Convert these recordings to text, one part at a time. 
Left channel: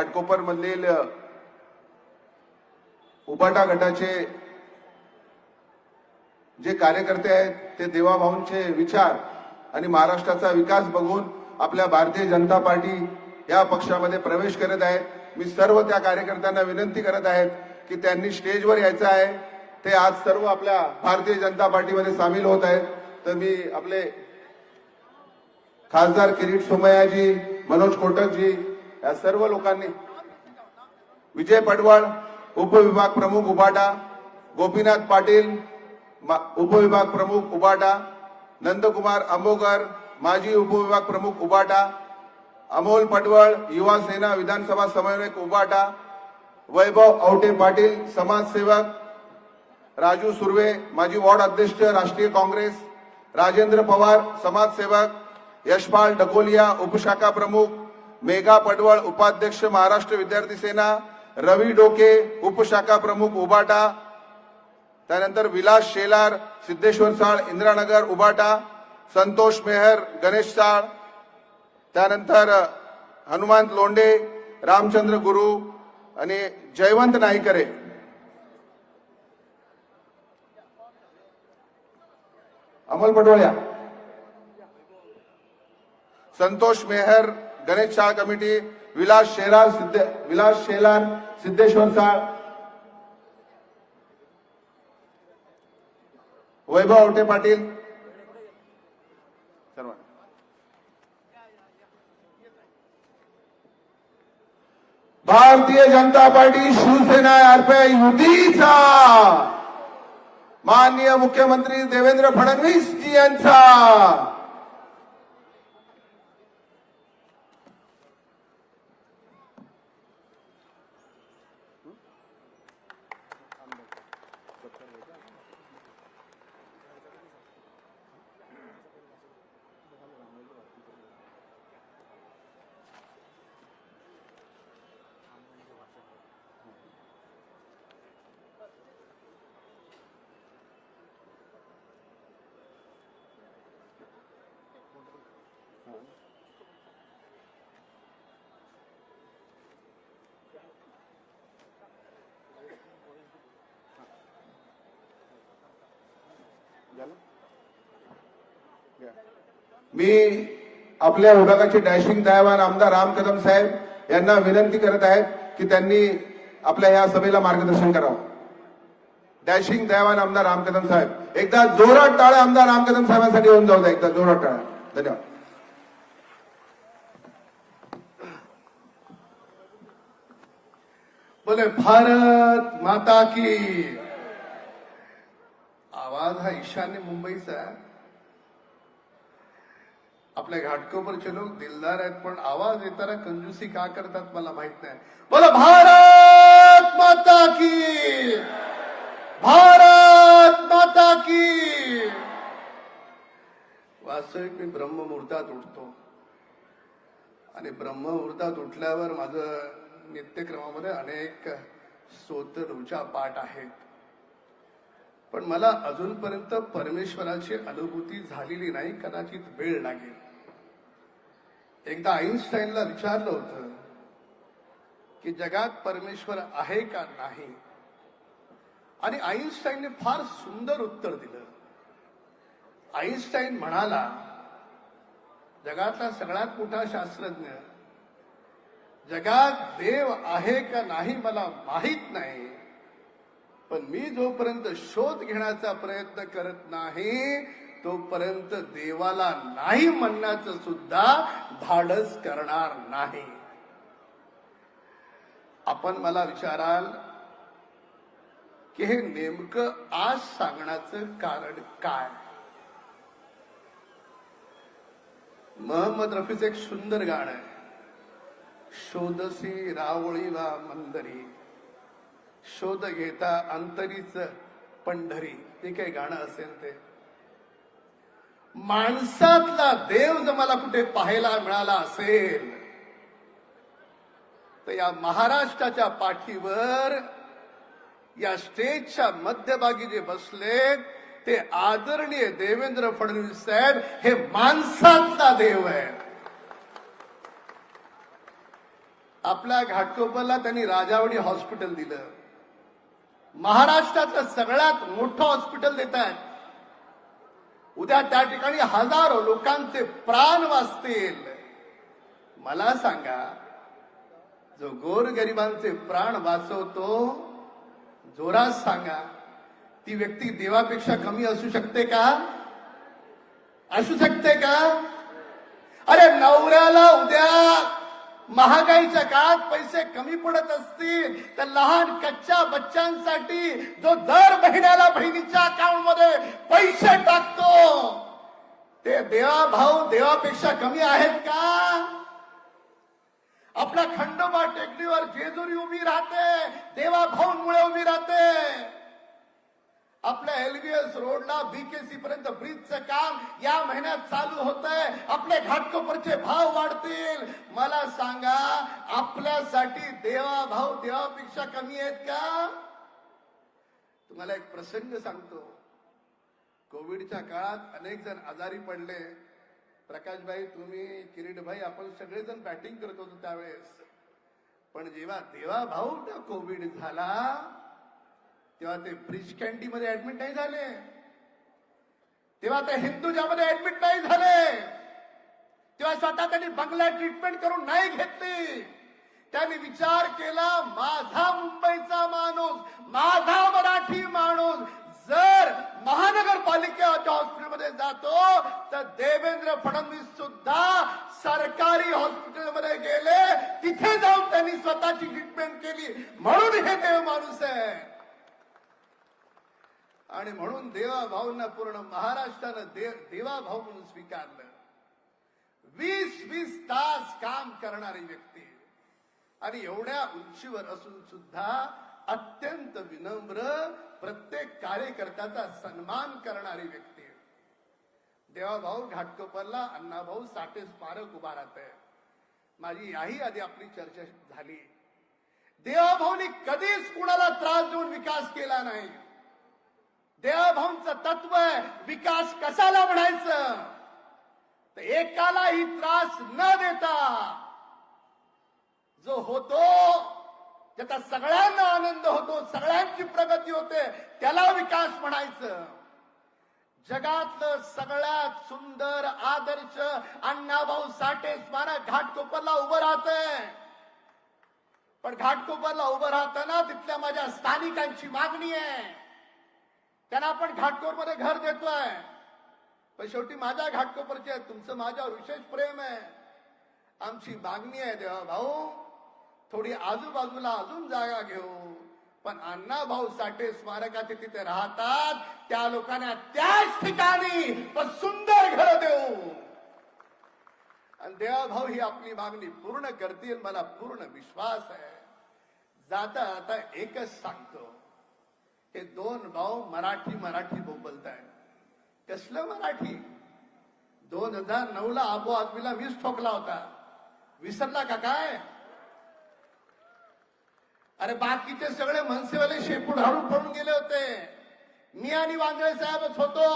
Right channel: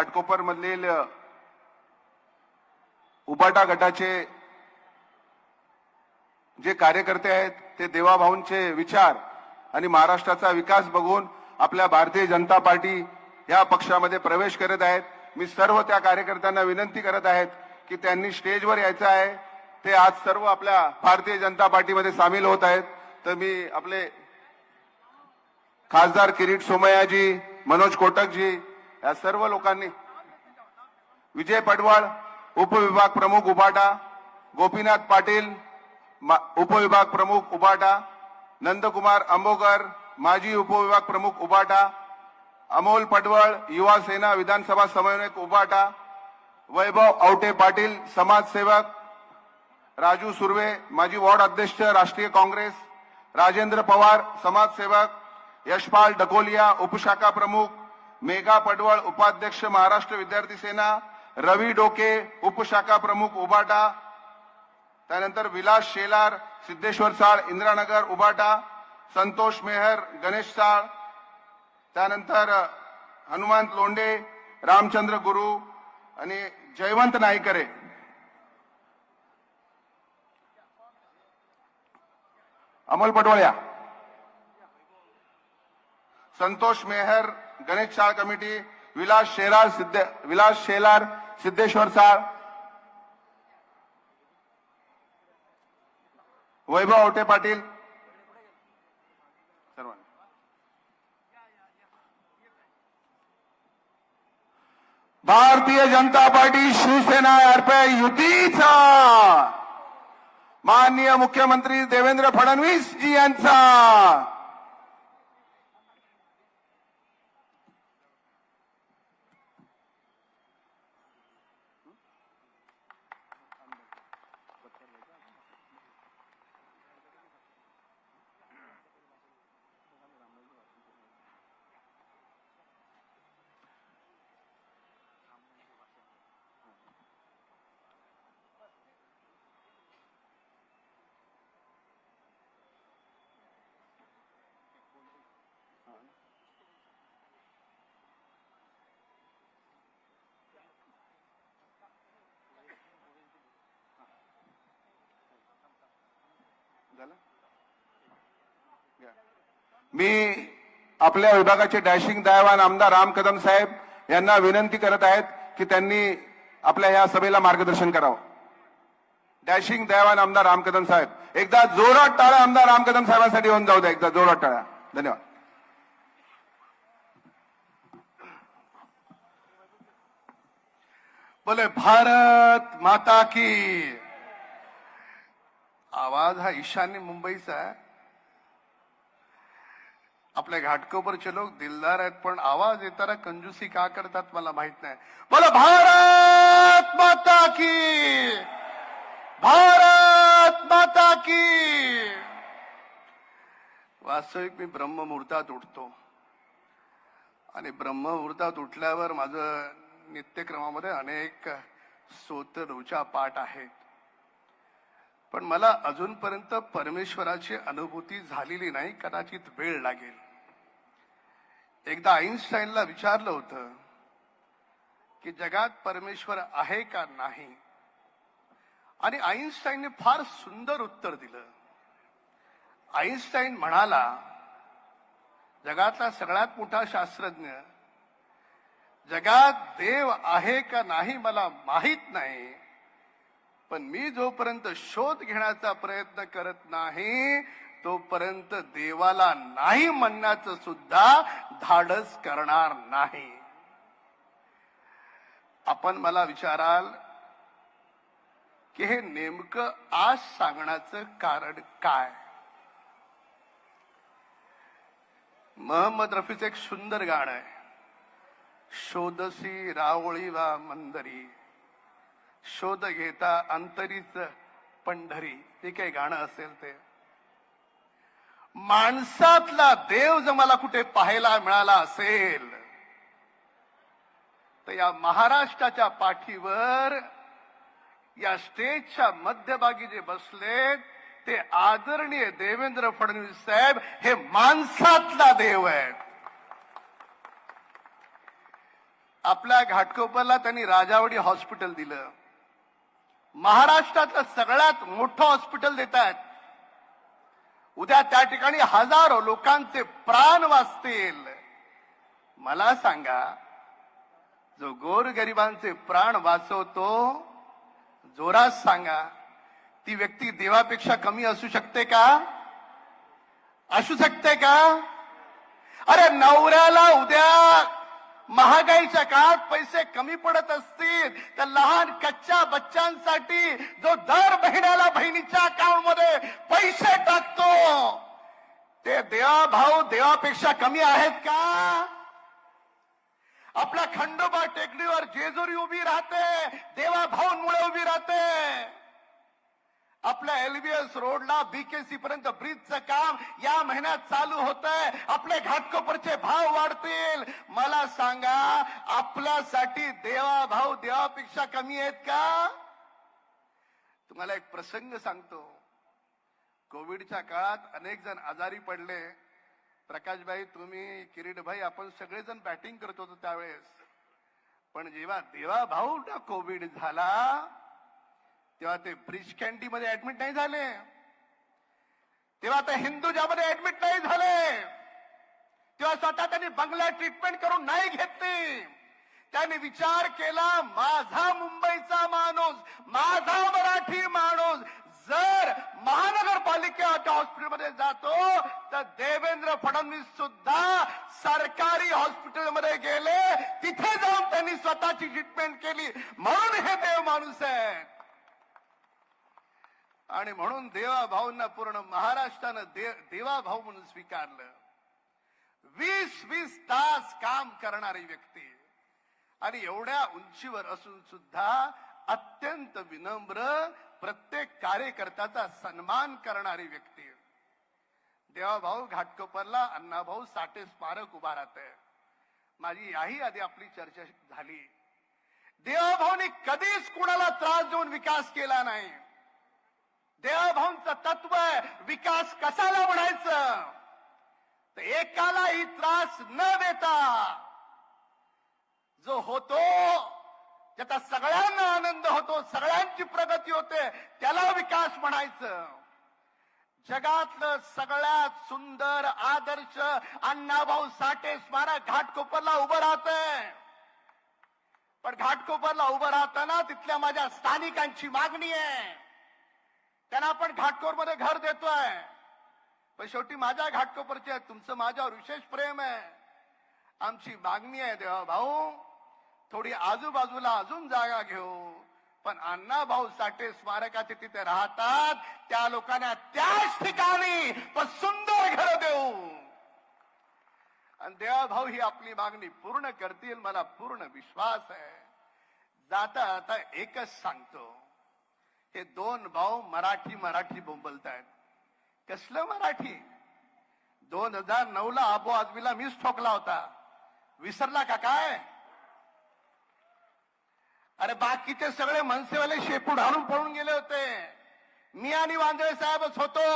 घाटकोपर मधील उबाटा गटाचे जे कार्यकर्ते आहेत ते देवाभाऊंचे विचार आणि महाराष्ट्राचा विकास बघून आपल्या भारतीय जनता पार्टी या पक्षामध्ये प्रवेश करत आहेत. मी सर्व त्या कार्यकर्त्यांना विनंती करत आहेत की त्यांनी स्टेजवर यायचं आहे. ते आज सर्व आपल्या भारतीय जनता पार्टीमध्ये सामील होत आहेत. तर मी आपले खासदार किरीट सोमय्याजी, मनोज कोटकजी या सर्व लोकांनी, विजय पडवळ उपविभाग प्रमुख उबाटा, गोपीनाथ पाटील उपविभाग प्रमुख उबाटा, नंदकुमार आंबोकर माजी उपविभाग प्रमुख उबाटा, अमोल पटवळ युवा सेना विधानसभा समन्वयक उबाटा, वैभव आवटे पाटील समाजसेवक, राजू सुर्वे माजी वार्ड अध्यक्ष राष्ट्रीय काँग्रेस, राजेंद्र पवार समाजसेवक, यशपाल ढकोलिया उपशाखा प्रमुख, मेघा पटवळ उपाध्यक्ष महाराष्ट्र विद्यार्थी सेना, रवी डोके उपशाखा प्रमुख उबाटा, त्यानंतर विलास शेलार सिद्धेश्वर साळ इंदिरानगर उबाटा, संतोष मेहर गणेश साळ, त्यानंतर हनुमंत लोंढे, रामचंद्र गुरु आणि जयवंत नाईकरे. अमोल पटवळ्या, संतोष मेहर गणेश साळ कमिटी, विलास शेलार सिद्धेश्वर साळ, वैभव आवटे पाटील. भारतीय जनता पार्टी शिवसेना यार्फे युतीचा माननीय मुख्यमंत्री देवेंद्र फडणवीस जी यांचा मी आपल्या विभागाचे डॅशिंग दयावान आमदार राम कदम साहेब यांना विनंती करत आहेत की त्यांनी आपल्या या सभेला मार्गदर्शन करावं. डॅशिंग दयावान आमदार राम कदम साहेब, एकदा जोरात टाळ्या आमदार राम कदम साहेबांसाठी होऊन जाऊ द्या. एकदा जोरात टाळ्या. धन्यवाद. बोले भारत माता की. आवाज हा ईशान्य मुंबईचा. आपल्या घाटकोपरचे लोक दिलदार आहेत, पण आवाज येताना कंजूसी का करतात मला माहित नाही. बोला भारत माता की, भारत माता की. वास्तविक मी ब्रह्ममुहूर्तात उठतो आणि ब्रह्ममुहूर्तात उठल्यावर माझं नित्यक्रमामध्ये अनेक स्तोत्र पाठ आहेत, पण मला अजूनपर्यंत परमेश्वराची अनुभूती झालेली नाही. कदाचित वेळ लागेल. एकदा आईन्स्टाईनला विचारलं होतं की जगात परमेश्वर आहे का नाही, आणि आईन्स्टाईनने फार सुंदर उत्तर दिलं. आईन्स्टाईन म्हणाला, जगातला सगळ्यात मोठा शास्त्रज्ञ, जगात देव आहे का नाही मला माहित नाही, पण मी जोपर्यंत शोध घेण्याचा प्रयत्न करत नाही तोपर्यंत देवाला नाही म्हणण्याचं सुद्धा धाडस करणार नाही. आपण मला विचाराल की हे नेमकं आज सांगण्याचं कारण काय. मोहम्मद रफीचं एक सुंदर गाणं आहे, शोधसी रावळी वा मंदरी, शोध घेता अंतरीच पंढरी. ते काही गाणं असेल ते. माणसातला देव जर मला कुठे पाहायला मिळाला असेल तर या महाराष्ट्राच्या पाठीवर या स्टेजच्या मध्यभागी जे बसलेत ते आदरणीय देवेंद्र फडणवीस साहेब हे माणसातला देव आहे. आपल्या घाटकोपरला त्यांनी राजावडी हॉस्पिटल दिलं. महाराष्ट्रातलं सगळ्यात मोठं हॉस्पिटल देत आहेत. उद्या त्या ठिकाणी हजारो लोकांचे प्राण वाचतील. मला सांगा, जो गोरगरिबांचे प्राण वाचवतो, जोरात सांगा, ती व्यक्ती देवापेक्षा कमी असू शकते का? असू शकते का? अरे नवऱ्याला उद्या महागाईच्या काळात पैसे कमी पडत असतील तर लहान कच्च्या बच्चांसाठी जो दर महिन्याला बहिणीच्या अकाउंट मध्ये पैसे टाकतो, ते देवाभाऊ देवापेक्षा कमी आहेत का? आपल्या खंडोबा टेकडीवर जेजुरी उभी राहते, देवाभाऊंमुळे उभी राहते. आपल्या एलबीएस रोडला बीकेसी पर्यंत ब्रिजचं काम या महिन्यात चालू होत आहे. आपले घाटकोपरचे भाव वाढतील. मला सांगा, आपल्यासाठी देवाभाऊ देवापेक्षा कमी आहेत का? तुम्हाला एक प्रसंग सांगतो. कोविडच्या काळात अनेक जण आजारी पडले. प्रकाशभाई, तुम्ही, किरीटभाई, आपण सगळेजण बॅटिंग करत होतो त्यावेळेस. पण जेव्हा देवाभाऊंना कोविड झाला तेव्हा ते ब्रिज कॅन्डी मध्ये ऍडमिट नाही झाले, तेव्हा ते हिंदुजामध्ये ऍडमिट नाही झाले, तेव्हा स्वतः त्यांनी बंगला ट्रीटमेंट करून नाही घेतली. त्यांनी विचार केला, माझा मुंबईचा माणूस, माझा मराठी माणूस जर महानगरपालिकेच्या हॉस्पिटलमध्ये जातो तर देवेंद्र फडणवीस सुद्धा सरकारी हॉस्पिटलमध्ये गेले, तिथे जाऊन त्यांनी स्वतःची ट्रीटमेंट केली. म्हणून हे देव माणूस आहे. आणि म्हणून देवाभाऊंना पूर्ण महाराष्ट्रानं देवाभाऊ म्हणून स्वीकारलं. 20-20 तास काम करणारी व्यक्ती आणि एवढ्या उंचीवर असून सुद्धा अत्यंत विनम्र, प्रत्येक कार्यकर्त्याचा सन्मान करणारी व्यक्ती. देवाभाऊ घाटकोपरला अण्णाभाऊ साठे स्मारक उभा राहतंय. माझी याही आधी आपली चर्चा झाली. देवाभाऊंनी कधीच कुणाला त्रास देऊन विकास केला नाही. देवाभाऊंचं तत्व आहे, विकास कशाला म्हणायचं तर एकालाही त्रास न देता जो होतो, ज्याचा सगळ्यांना आनंद होतो, सगळ्यांची प्रगती होते, त्याला विकास म्हणायचं. जगातलं सगळ्यात सुंदर आदर्श अण्णाभाऊ साठे स्मारक घाटकोपरला उभं राहतंय. पण घाटकोपरला उभं राहताना तिथल्या माझ्या स्थानिकांची मागणी आहे, त्यांना आपण घाटकोपरमध्ये घर देतोय. पण शेवटी माझ्या घाटकोपरचे आहे, तुमचं माझ्यावर विशेष प्रेम आहे. आमची मागणी आहे, देवा भाऊ, थोडी आजूबाजूला अजून जागा घेऊ, पण अण्णाभाऊ साठे स्मारकाचे तिथे राहतात त्या लोकांना त्याच ठिकाणी पण सुंदर घर देऊ. आणि देवाभाऊ ही आपली मागणी पूर्ण करतील, मला पूर्ण विश्वास आहे. जाता आता एकच सांगतो, हे दोन भाऊ मराठी बोलतायत. कसलं मराठी? 2009 ला आबो आदमीला मीच ठोकला होता, विसरला का काय? अरे बाकीचे सगळे मनसेवाले शेपूट हाडून पळून गेले होते, मी आणि वांद्रे साहेबच होतो.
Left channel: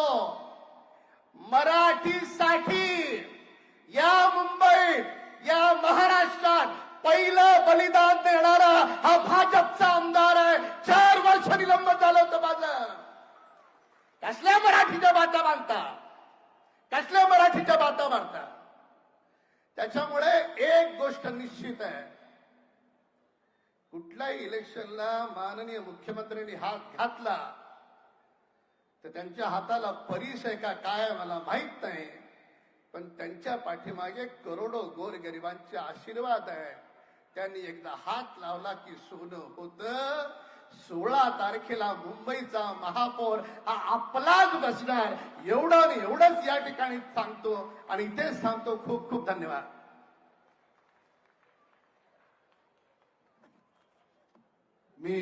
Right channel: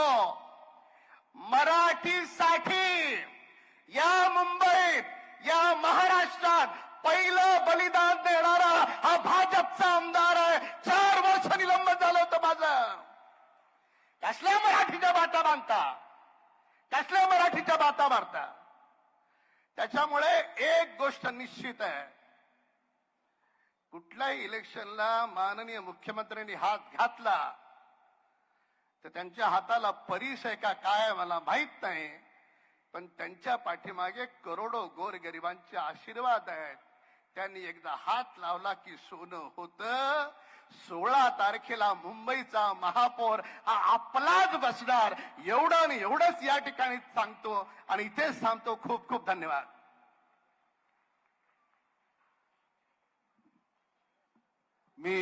मराठीसाठी या मुंबईत, या महाराष्ट्रात पहिलं बलिदान देणारा हा भाजपचा आमदार आहे. 4 वर्ष निलंबन झालं होतं माझं. कसल्या मराठीच्या बाता बांधता, कसल्या मराठीच्या बाता मारता? त्याच्यामुळे एक गोष्ट निश्चित आहे, कुठल्याही इलेक्शनला माननीय मुख्यमंत्र्यांनी हात घातला तर त्यांच्या हाताला परीस आहे का काय मला माहित नाही, पण त्यांच्या पाठीमागे करोडो गोरगरिबांचे आशीर्वाद आहेत. त्यांनी एकदा हात लावला की सोनं होतं. 16 तारखेला मुंबईचा महापौर हा आपलाच बसणार, एवढं आणि एवढंच या ठिकाणी सांगतो आणि इथेच सांगतो. खूप खूप धन्यवाद. मी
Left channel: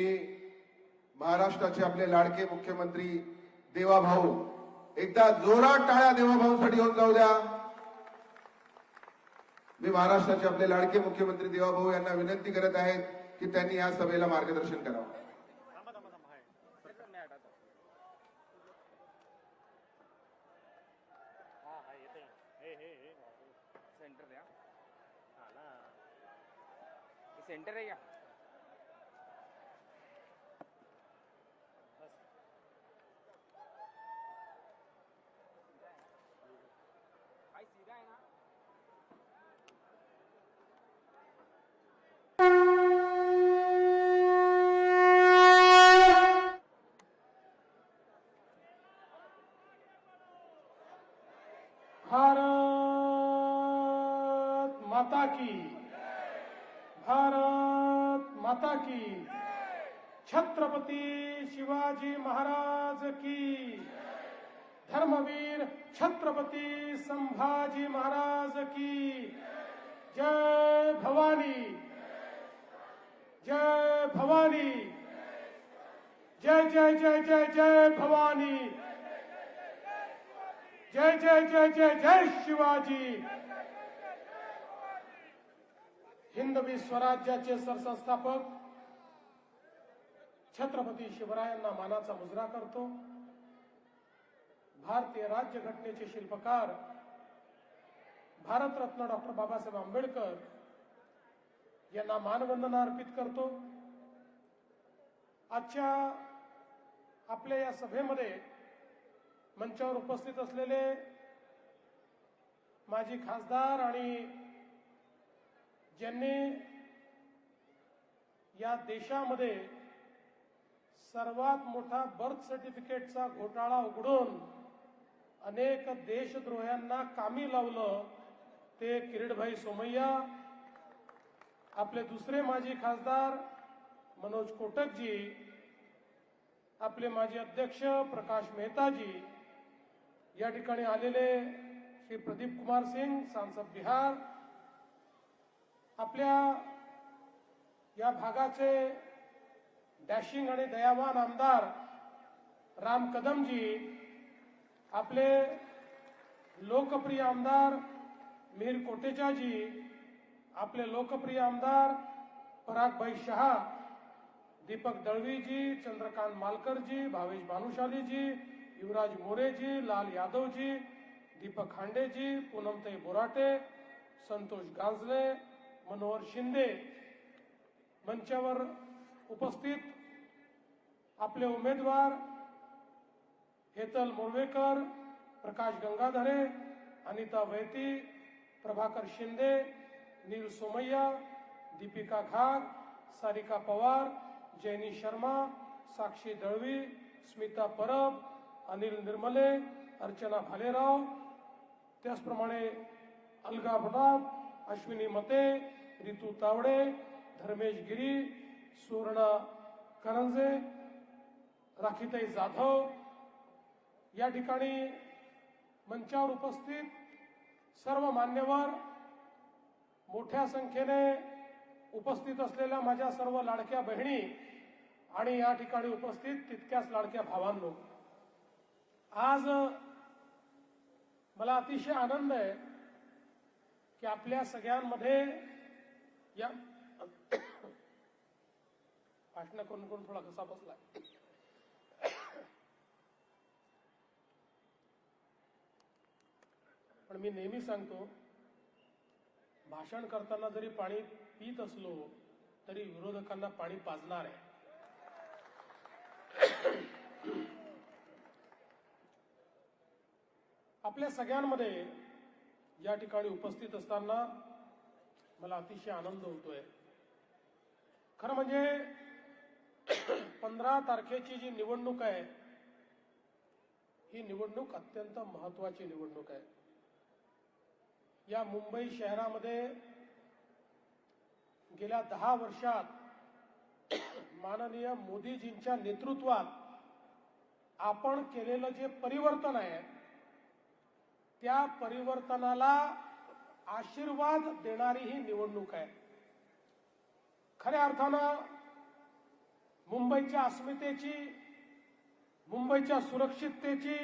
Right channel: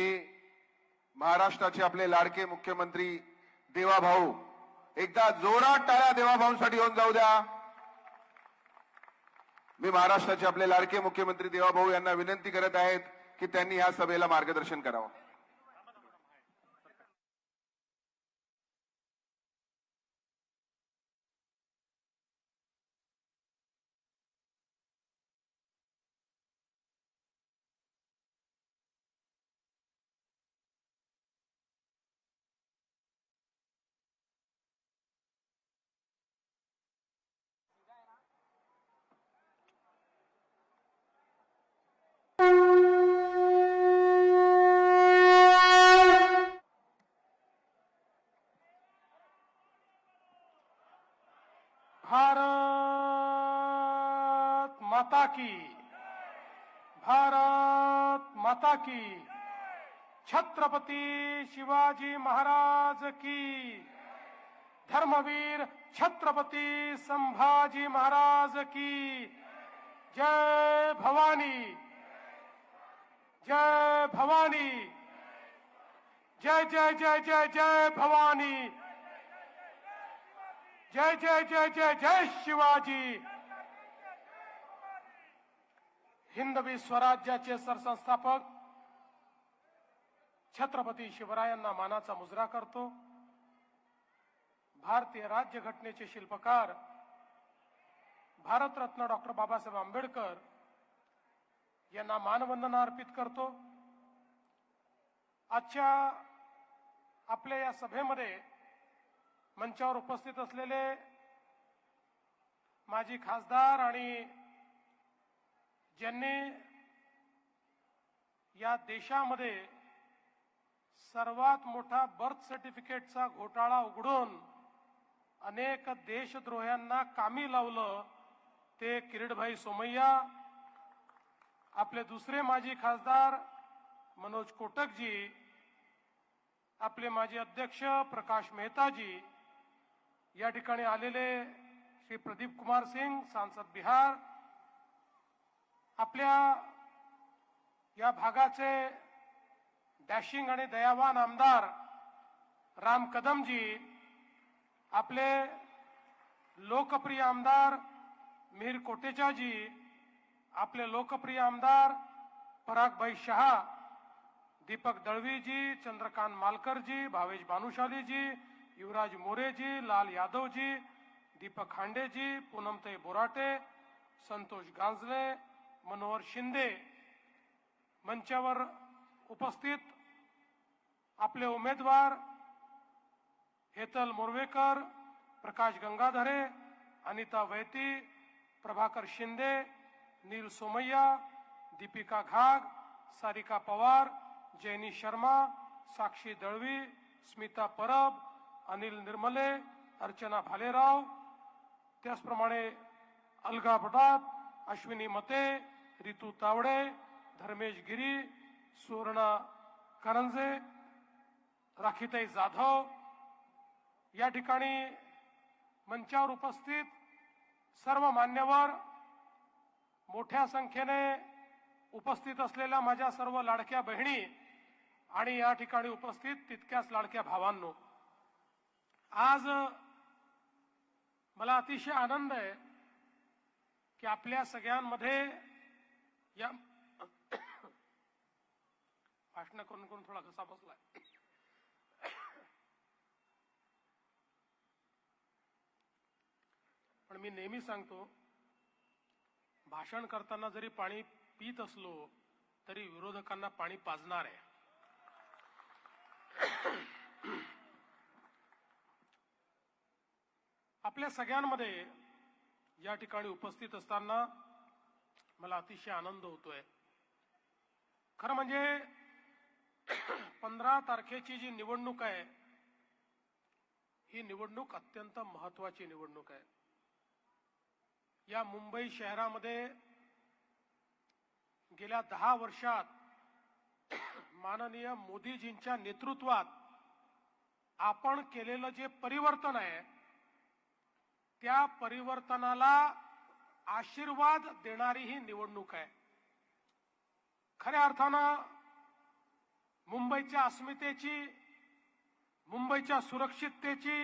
महाराष्ट्राचे आपले लाडके मुख्यमंत्री देवाभाऊ, एकदा जोरात टाळ्या देवाभाऊंसाठी होऊन जाऊ द्या. मी महाराष्ट्राचे आपले लाडके मुख्यमंत्री देवाभाऊ यांना विनंती करत आहेत की त्यांनी या सभेला मार्गदर्शन करावं. माता की, छत्रपती शिवाजी महाराज की, धर्मवीर छत्रपती संभाजी महाराज की, जय भवानी, जय भवानी, जय जय जय जय जय भवानी, जय जय जय जय जय शिवाजी. हिंदवी स्वराज्याचे सरसंस्थापक छत्रपती शिवरायांना मानाचा मुजरा करतो. भारतीय राज्यघटनेचे शिल्पकार भारतरत्न डॉक्टर बाबासाहेब आंबेडकर यांना मानवंदना अर्पित करतो. आजच्या आपल्या या सभेमध्ये मंचावर उपस्थित असलेले माजी खासदार आणि ज्यांनी या देशामध्ये सर्वात मोठा बर्थ सर्टिफिकेटचा घोटाळा उघडून अनेक देशद्रोह्यांना कामी लावलं ते किरीटभाई सोमय्या, आपले दुसरे माजी खासदार मनोज कोटकजी, आपले माजी अध्यक्ष प्रकाश मेहताजी, या ठिकाणी आलेले श्री प्रदीप कुमार सिंग सांसद बिहार, आपल्या या भागाचे डॅशिंग आणि दयावान आमदार राम कदमजी, आपले लोकप्रिय आमदार मिहिर कोटेचाजी, आपले लोकप्रिय आमदार परागभाई शहा, दीपक दळवीजी, चंद्रकांत मालकरजी, भावेश भानुशालीजी, युवराज मोरेजी, लाल यादवजी, दीपक खांडेजी, पूनमताई बोराटे, संतोष गांजले, मनोहर शिंदे, मंचावर उपस्थित आपले उमेदवार हेतल मोरवेकर, प्रकाश गंगाधरे, अनिता वैती, प्रभाकर शिंदे, नील सोमय्या, दीपिका घाग, सारिका पवार, जैनी शर्मा, साक्षी दळवी, स्मिता परब, अनिल निर्मले, अर्चना भालेराव, त्याचप्रमाणे अलगा भटात, अश्विनी मते, रितू तावडे, धर्मेश गिरी, सुवर्णा करंजे, राखीताई जाधव, या ठिकाणी मंचावर उपस्थित सर्व मान्यवर, मोठ्या संख्येने उपस्थित असलेल्या माझ्या सर्व लाडक्या बहिणी आणि या ठिकाणी उपस्थित तितक्याच लाडक्या भावांनो, आज मला अतिशय आनंद आहे की आपल्या सगळ्यांमध्ये या भाषण करून करून थोडा घसा बसलाय. पण मी नेहमी सांगतो, भाषण करताना जरी पाणी पीत असलो तरी विरोधकांना पाणी पाजणार आहे. आपल्या सगळ्यांमध्ये या ठिकाणी उपस्थित असताना मला अतिशय आनंद होतोय. खरं म्हणजे 15 तारखेची जी निवडणूक आहे ही निवडणूक अत्यंत महत्वाची निवडणूक आहे. या मुंबई शहरामध्ये गेल्या 10 वर्षात माननीय मोदीजींच्या नेतृत्वात आपण केलेलं जे परिवर्तन आहे त्या परिवर्तनाला आशीर्वाद देणारी ही निवडणूक आहे. खऱ्या अर्थानं मुंबईच्या अस्मितेची, मुंबईच्या सुरक्षिततेची,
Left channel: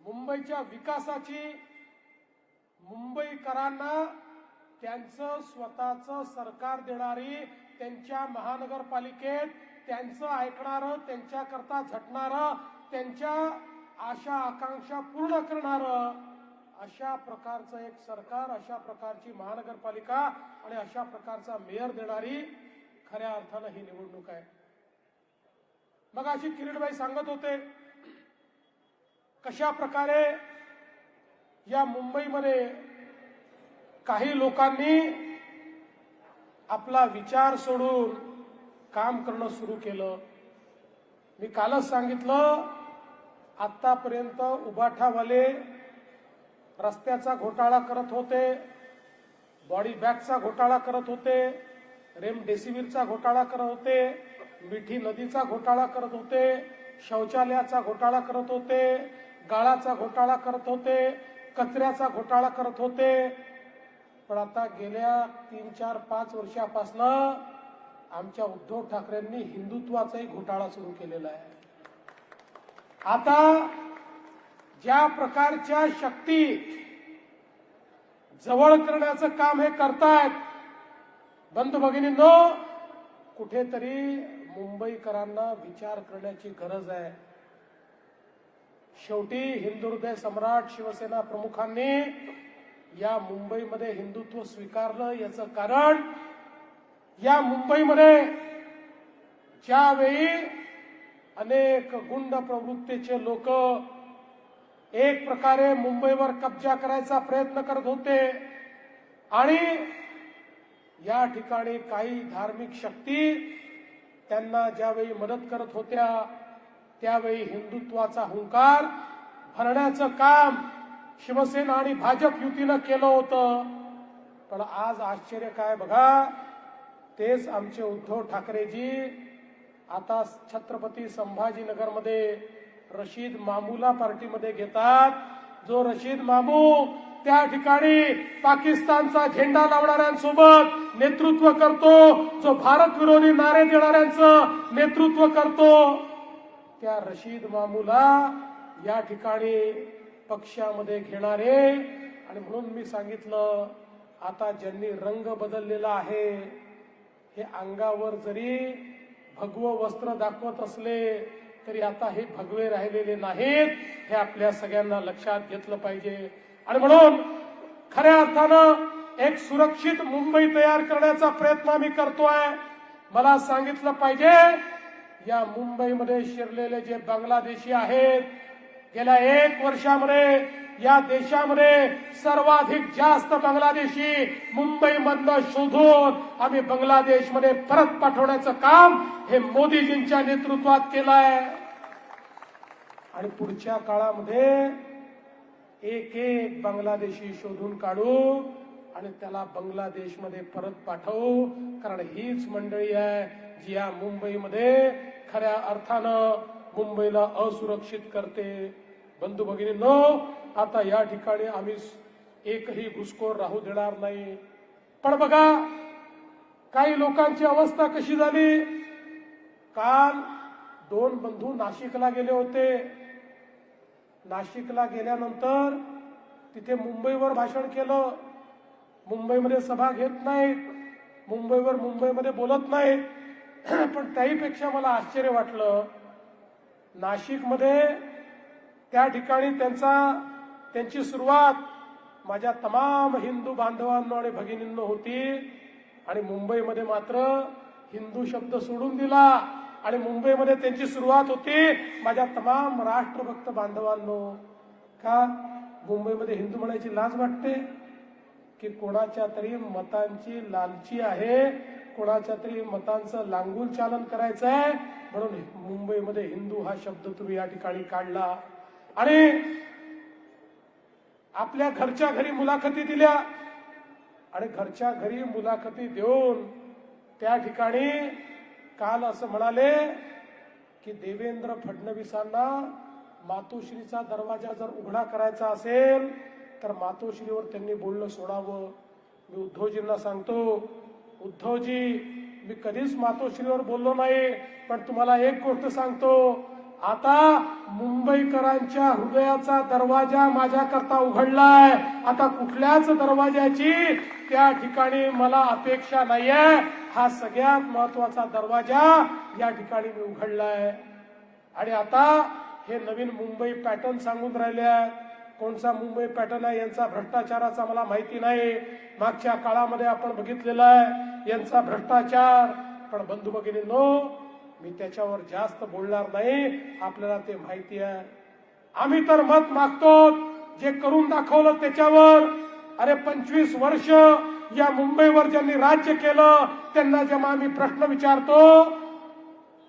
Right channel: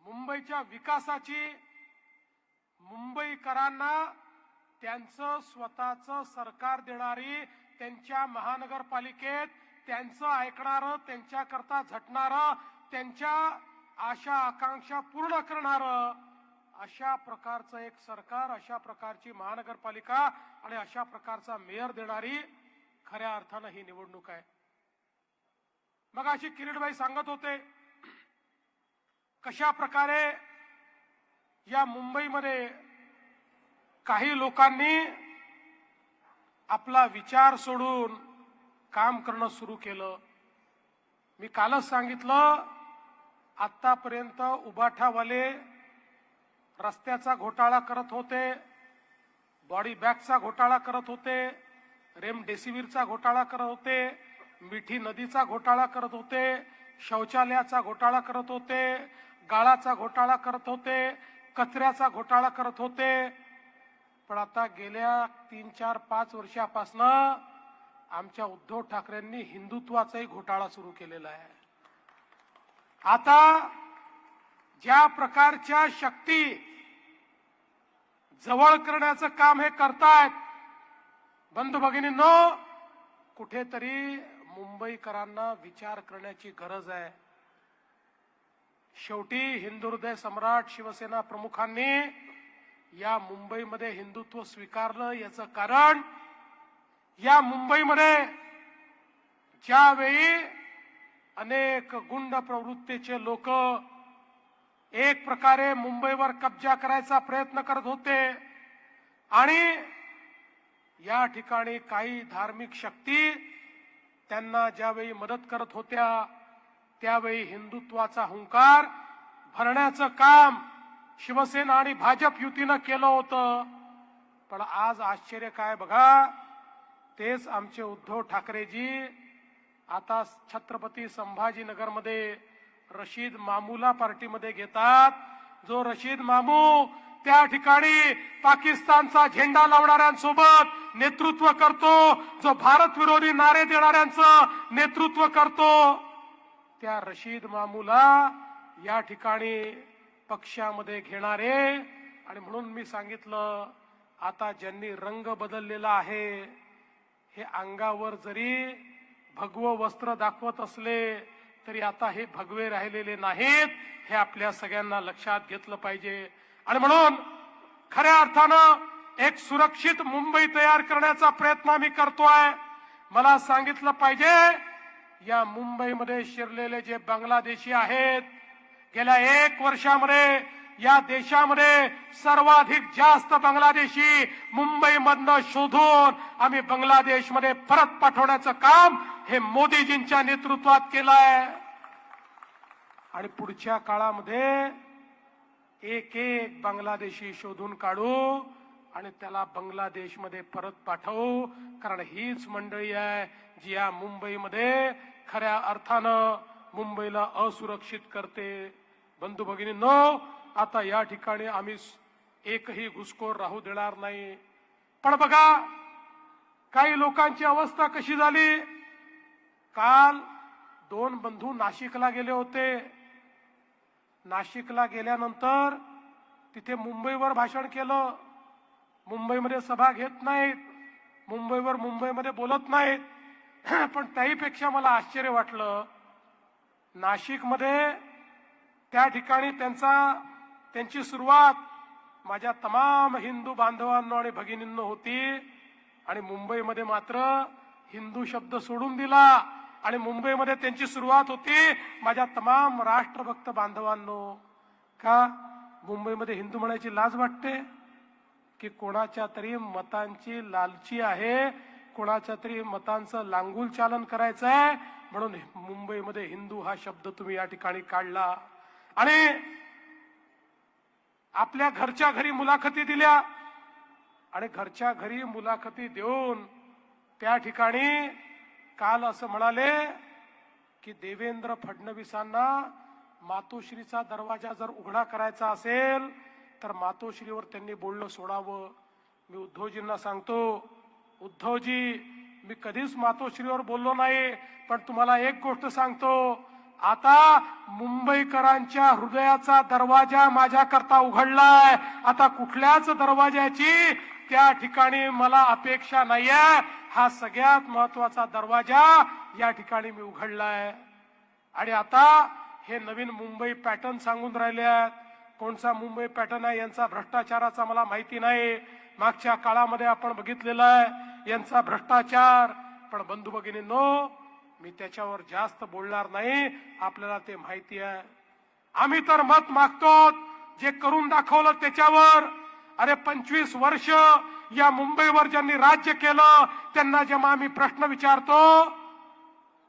मुंबईच्या विकासाची, मुंबईकरांना त्यांचं स्वतःचं सरकार देणारी, त्यांच्या महानगरपालिकेत त्यांचं ऐकणारं, त्यांच्याकरता झटणारं, त्यांच्या आशा आकांक्षा पूर्ण करणारं अशा प्रकारचं एक सरकार, अशा प्रकारची महानगरपालिका आणि अशा प्रकारचा मेयर देणारी खऱ्या अर्थानं ही निवडणूक आहे. मग अशी किरीटभाई सांगत होते कशा प्रकारे या मुंबईमध्ये काही लोकांनी आपला विचार सोडून काम करणं सुरू केलं. मी कालच सांगितलं, आतापर्यंत उबाठावाले रस्त्याचा घोटाळा करत होते, बॉडी बॅगचा घोटाळा करत होते, रेमडेसिवीरचा घोटाळा करत होते, मिठी नदीचा घोटाळा करत होते, शौचालयाचा घोटाळा करत होते, गाळाचा घोटाळा करत होते, कचऱ्याचा घोटाळा करत होते. पण आता गेल्या 3, 4, 5 वर्षापासून आमच्या उद्धव ठाकरेंनी हिंदुत्वाचाही घोटाळा सुरू केलेला आहे. आता ज्या प्रकारच्या शक्ती जवळ करण्याचं काम हे करतायत, बंधू भगिनींनो, कुठेतरी मुंबईकरांना विचार करण्याची गरज आहे. शेवटी हिंदू हृदय सम्राट शिवसेना प्रमुखांनी या मुंबईमध्ये हिंदुत्व स्वीकारलं. याचं कारण या मुंबईमध्ये ज्यावेळी अनेक गुंड प्रवृत्तीचे लोक एक प्रकारे मुंबईवर कब्जा करायचा प्रयत्न करत होते आणि या ठिकाणी काही धार्मिक शक्ती त्यांना ज्यावेळी मदत करत होत्या, त्यावेळी हिंदुत्वाचा हुंकार भरण्याचं काम शिवसेना आणि भाजप युतीनं केलं होतं. पण आज आश्चर्य काय बघा, तेच आमचे उद्धव ठाकरेजी आता छत्रपती संभाजीनगरमध्ये रशीद मामूला पार्टीमध्ये घेतात. जो रशीद मामू त्या ठिकाणी पाकिस्तानचा झेंडा लावणाऱ्यांसोबत नेतृत्व करतो, जो भारत विरोधी नारे देणाऱ्यांचं नेतृत्व करतो, त्या रशीद मामूला या ठिकाणी पक्षामध्ये घेणारे. आणि म्हणून मी सांगितलं, आता ज्यांनी रंग बदललेला आहे, हे अंगावर जरी भगवं वस्त्र दाखवत असले तरी आता हे भगवे राहिलेले नाहीत. हे आपल्या सगळ्यांना लक्षात घेतलं पाहिजे. आणि म्हणून खऱ्या अर्थानं एक सुरक्षित मुंबई तयार करण्याचा प्रयत्न आम्ही करतोय. मला सांगितलं पाहिजे, या मुंबईमध्ये शिरलेले जे बांगलादेशी आहेत, गेल्या 1 वर्षामध्ये या देशामध्ये सर्वाधिक जास्त बांगलादेशी मुंबईमधनं शोधून आम्ही बांगलादेशमध्ये परत पाठवण्याचं काम हे मोदीजींच्या नेतृत्वात केलंय. आणि पुढच्या काळामध्ये एक बांगलादेशी शोधून काढू आणि त्याला बांगलादेशमध्ये परत पाठवू. कारण हीच मंडळी आहे जी या मुंबईमध्ये खऱ्या अर्थानं मुंबईला असुरक्षित करते. बंधू भगिनींनो, आता या ठिकाणी आम्ही एकही घुसखोर राहू देणार नाही. पण बघा, काही लोकांची अवस्था कशी झाली. काल 2 बंधू नाशिकला गेले होते. नाशिकला गेल्यानंतर तिथे मुंबईवर भाषण केलं. मुंबईमध्ये सभा घेत नाहीत, मुंबईमध्ये बोलत नाहीत. पण त्याहीपेक्षा मला आश्चर्य वाटलं, नाशिकमध्ये त्या ठिकाणी त्यांची सुरुवात माझ्या तमाम हिंदू बांधवांनो आणि भगिनींनो होती. आणि मुंबईमध्ये मात्र हिंदू शब्द सोडून दिला आणि मुंबईमध्ये त्यांची सुरुवात होती माझ्या तमाम राष्ट्रभक्त बांधवांनो. का मुंबईमध्ये हिंदू म्हणायची लाज वाटते की कोणाच्या तरी मतांची लालची आहे, कोणाच्या तरी मतांचं लांगुल चालन करायचं आहे म्हणून मुंबईमध्ये हिंदू हा शब्द तुम्ही या ठिकाणी काढला. आणि आपल्या घरच्या घरी मुलाखती दिल्या आणि घरच्या घरी मुलाखती देऊन त्या ठिकाणी काल असं म्हणाले की देवेंद्र फडणवीसांना मातोश्रीचा दरवाजा जर उघडा करायचा असेल तर मातोश्रीवर त्यांनी बोलणं सोडावं. मी उद्धवजींना सांगतो, उद्धवजी, मी कधीच मातोश्रीवर बोललो नाही, पण तुम्हाला एक गोष्ट सांगतो, आता मुंबईकरांच्या हृदयाचा दरवाजा माझ्याकरता उघडलाय. आता कुठल्याच दरवाजाची त्या ठिकाणी मला अपेक्षा नाहीये. हा सगळ्यात महत्वाचा दरवाजा या ठिकाणी मी उघडलाय. आणि आता हे नवीन मुंबई पॅटर्न सांगून राहिले आहेत. कोणता मुंबई पॅटर्न आहे यांचा भ्रष्टाचाराचा मला माहिती नाही. मागच्या काळामध्ये आपण बघितलेला आहे यांचा भ्रष्टाचार. पण बंधू भगिनींनो, मी त्याच्यावर जास्त बोलणार नाही, आपल्याला ते माहिती आहे. आम्ही तर मत मागतो जे करून दाखवलं त्याच्यावर. अरे 25 वर्ष या मुंबईवर ज्यांनी राज्य केलं त्यांना जेव्हा आम्ही प्रश्न विचारतो,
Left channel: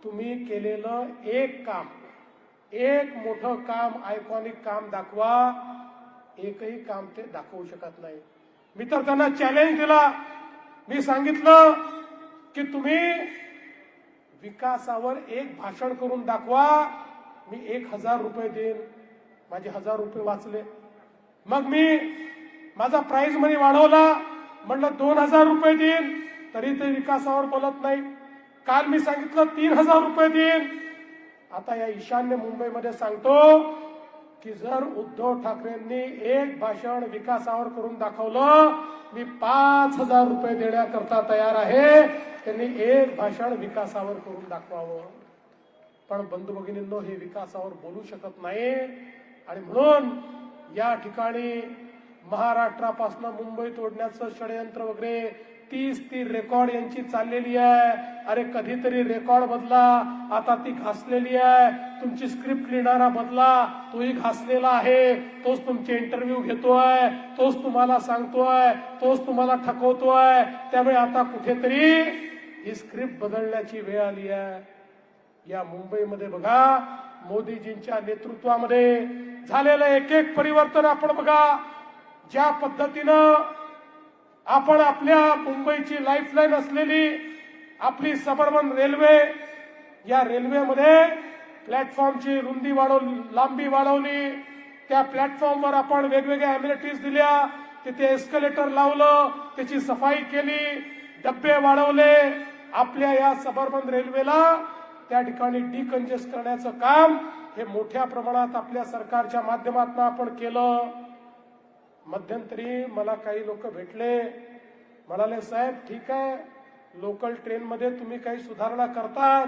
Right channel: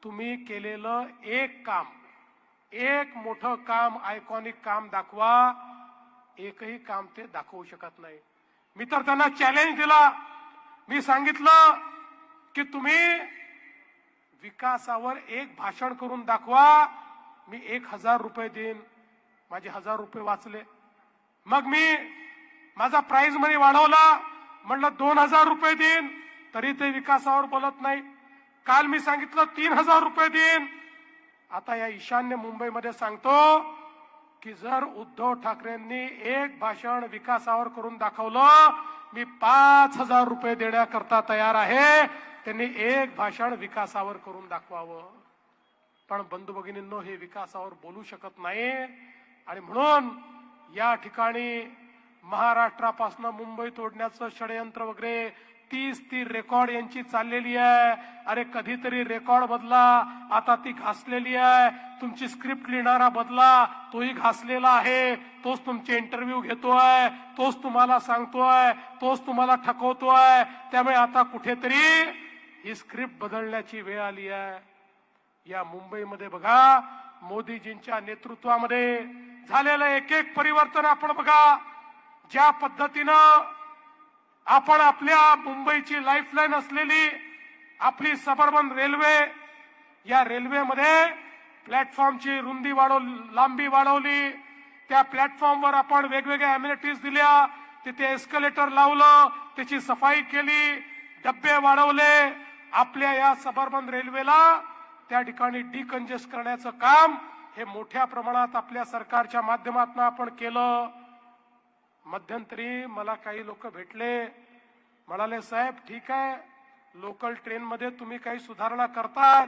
तुम्ही केलेलं एक काम, एक मोठं काम, आयकॉनिक काम दाखवा, एकही काम ते दाखवू शकत नाही. मी तर त्यांना चॅलेंज दिला. मी सांगितलं की तुम्ही विकासावर एक भाषण करून दाखवा, मी 1000 रुपये देईन. माझे 1000 रुपये वाचले. मग मी माझा प्राइज मनी वाढवला, म्हणलं 2000 रुपये देईन, तरी ते विकासावर बोलत नाही. काल मी सांगितलं 3000 रुपये देईन. आता या ईशान्य मुंबईमध्ये सांगतो की जर उद्धव ठाकरेंनी एक भाषण विकासावर करून दाखवलं, मी 5000 रुपये देण्याकरता तयार आहे. त्यांनी एक भाषण विकासावर करून दाखवावं. पण बंधू भगिनींनो, हे विकासावर बोलू शकत नाही. आणि म्हणून या ठिकाणी महाराष्ट्रापासून मुंबई तोडण्याचं षडयंत्र वगैरे 30 रेकॉर्ड यांची चाललेली आहे. अरे कधीतरी रेकॉर्ड बदला, आता ती घासलेली आहे. तुमची स्क्रिप्ट लिहिणारा बदला, तोही घासलेला आहे. तोच तुमचे इंटरव्ह्यू घेतोय, तोच तुम्हाला सांगतोय, तोच तुम्हाला ठकवतोय. त्यामुळे आता कुठेतरी ही स्क्रिप्ट बदलण्याची वेळ आली आहे. या मुंबईमध्ये बघा, मोदीजींच्या नेतृत्वामध्ये झालेलं एक एक परिवर्तन आपण बघा. ज्या पद्धतीनं आपण आपल्या मुंबईची लाईफलाईन असलेली आपली सबर्बन रेल्वे, या रेल्वेमध्ये प्लॅटफॉर्मची रुंदी लांबी वाढवली. त्या प्लॅटफॉर्मवर आपण वेगवेगळ्या अम्युनिटीज दिल्या, तिथे एस्केलेटर लावलं, त्याची सफाई केली, डब्बे वाढवले. आपल्या या सबर्बन रेल्वेला त्या ठिकाणी डिकंजेस्ट करण्याचं काम हे मोठ्या प्रमाणात आपल्या सरकारच्या माध्यमातून आपण केलं. मध्यंतरी मला काही लोक भेटले, म्हणाले साहेब ठीक आहे, लोकल ट्रेन मध्ये तुम्ही काही सुधारणा करतात,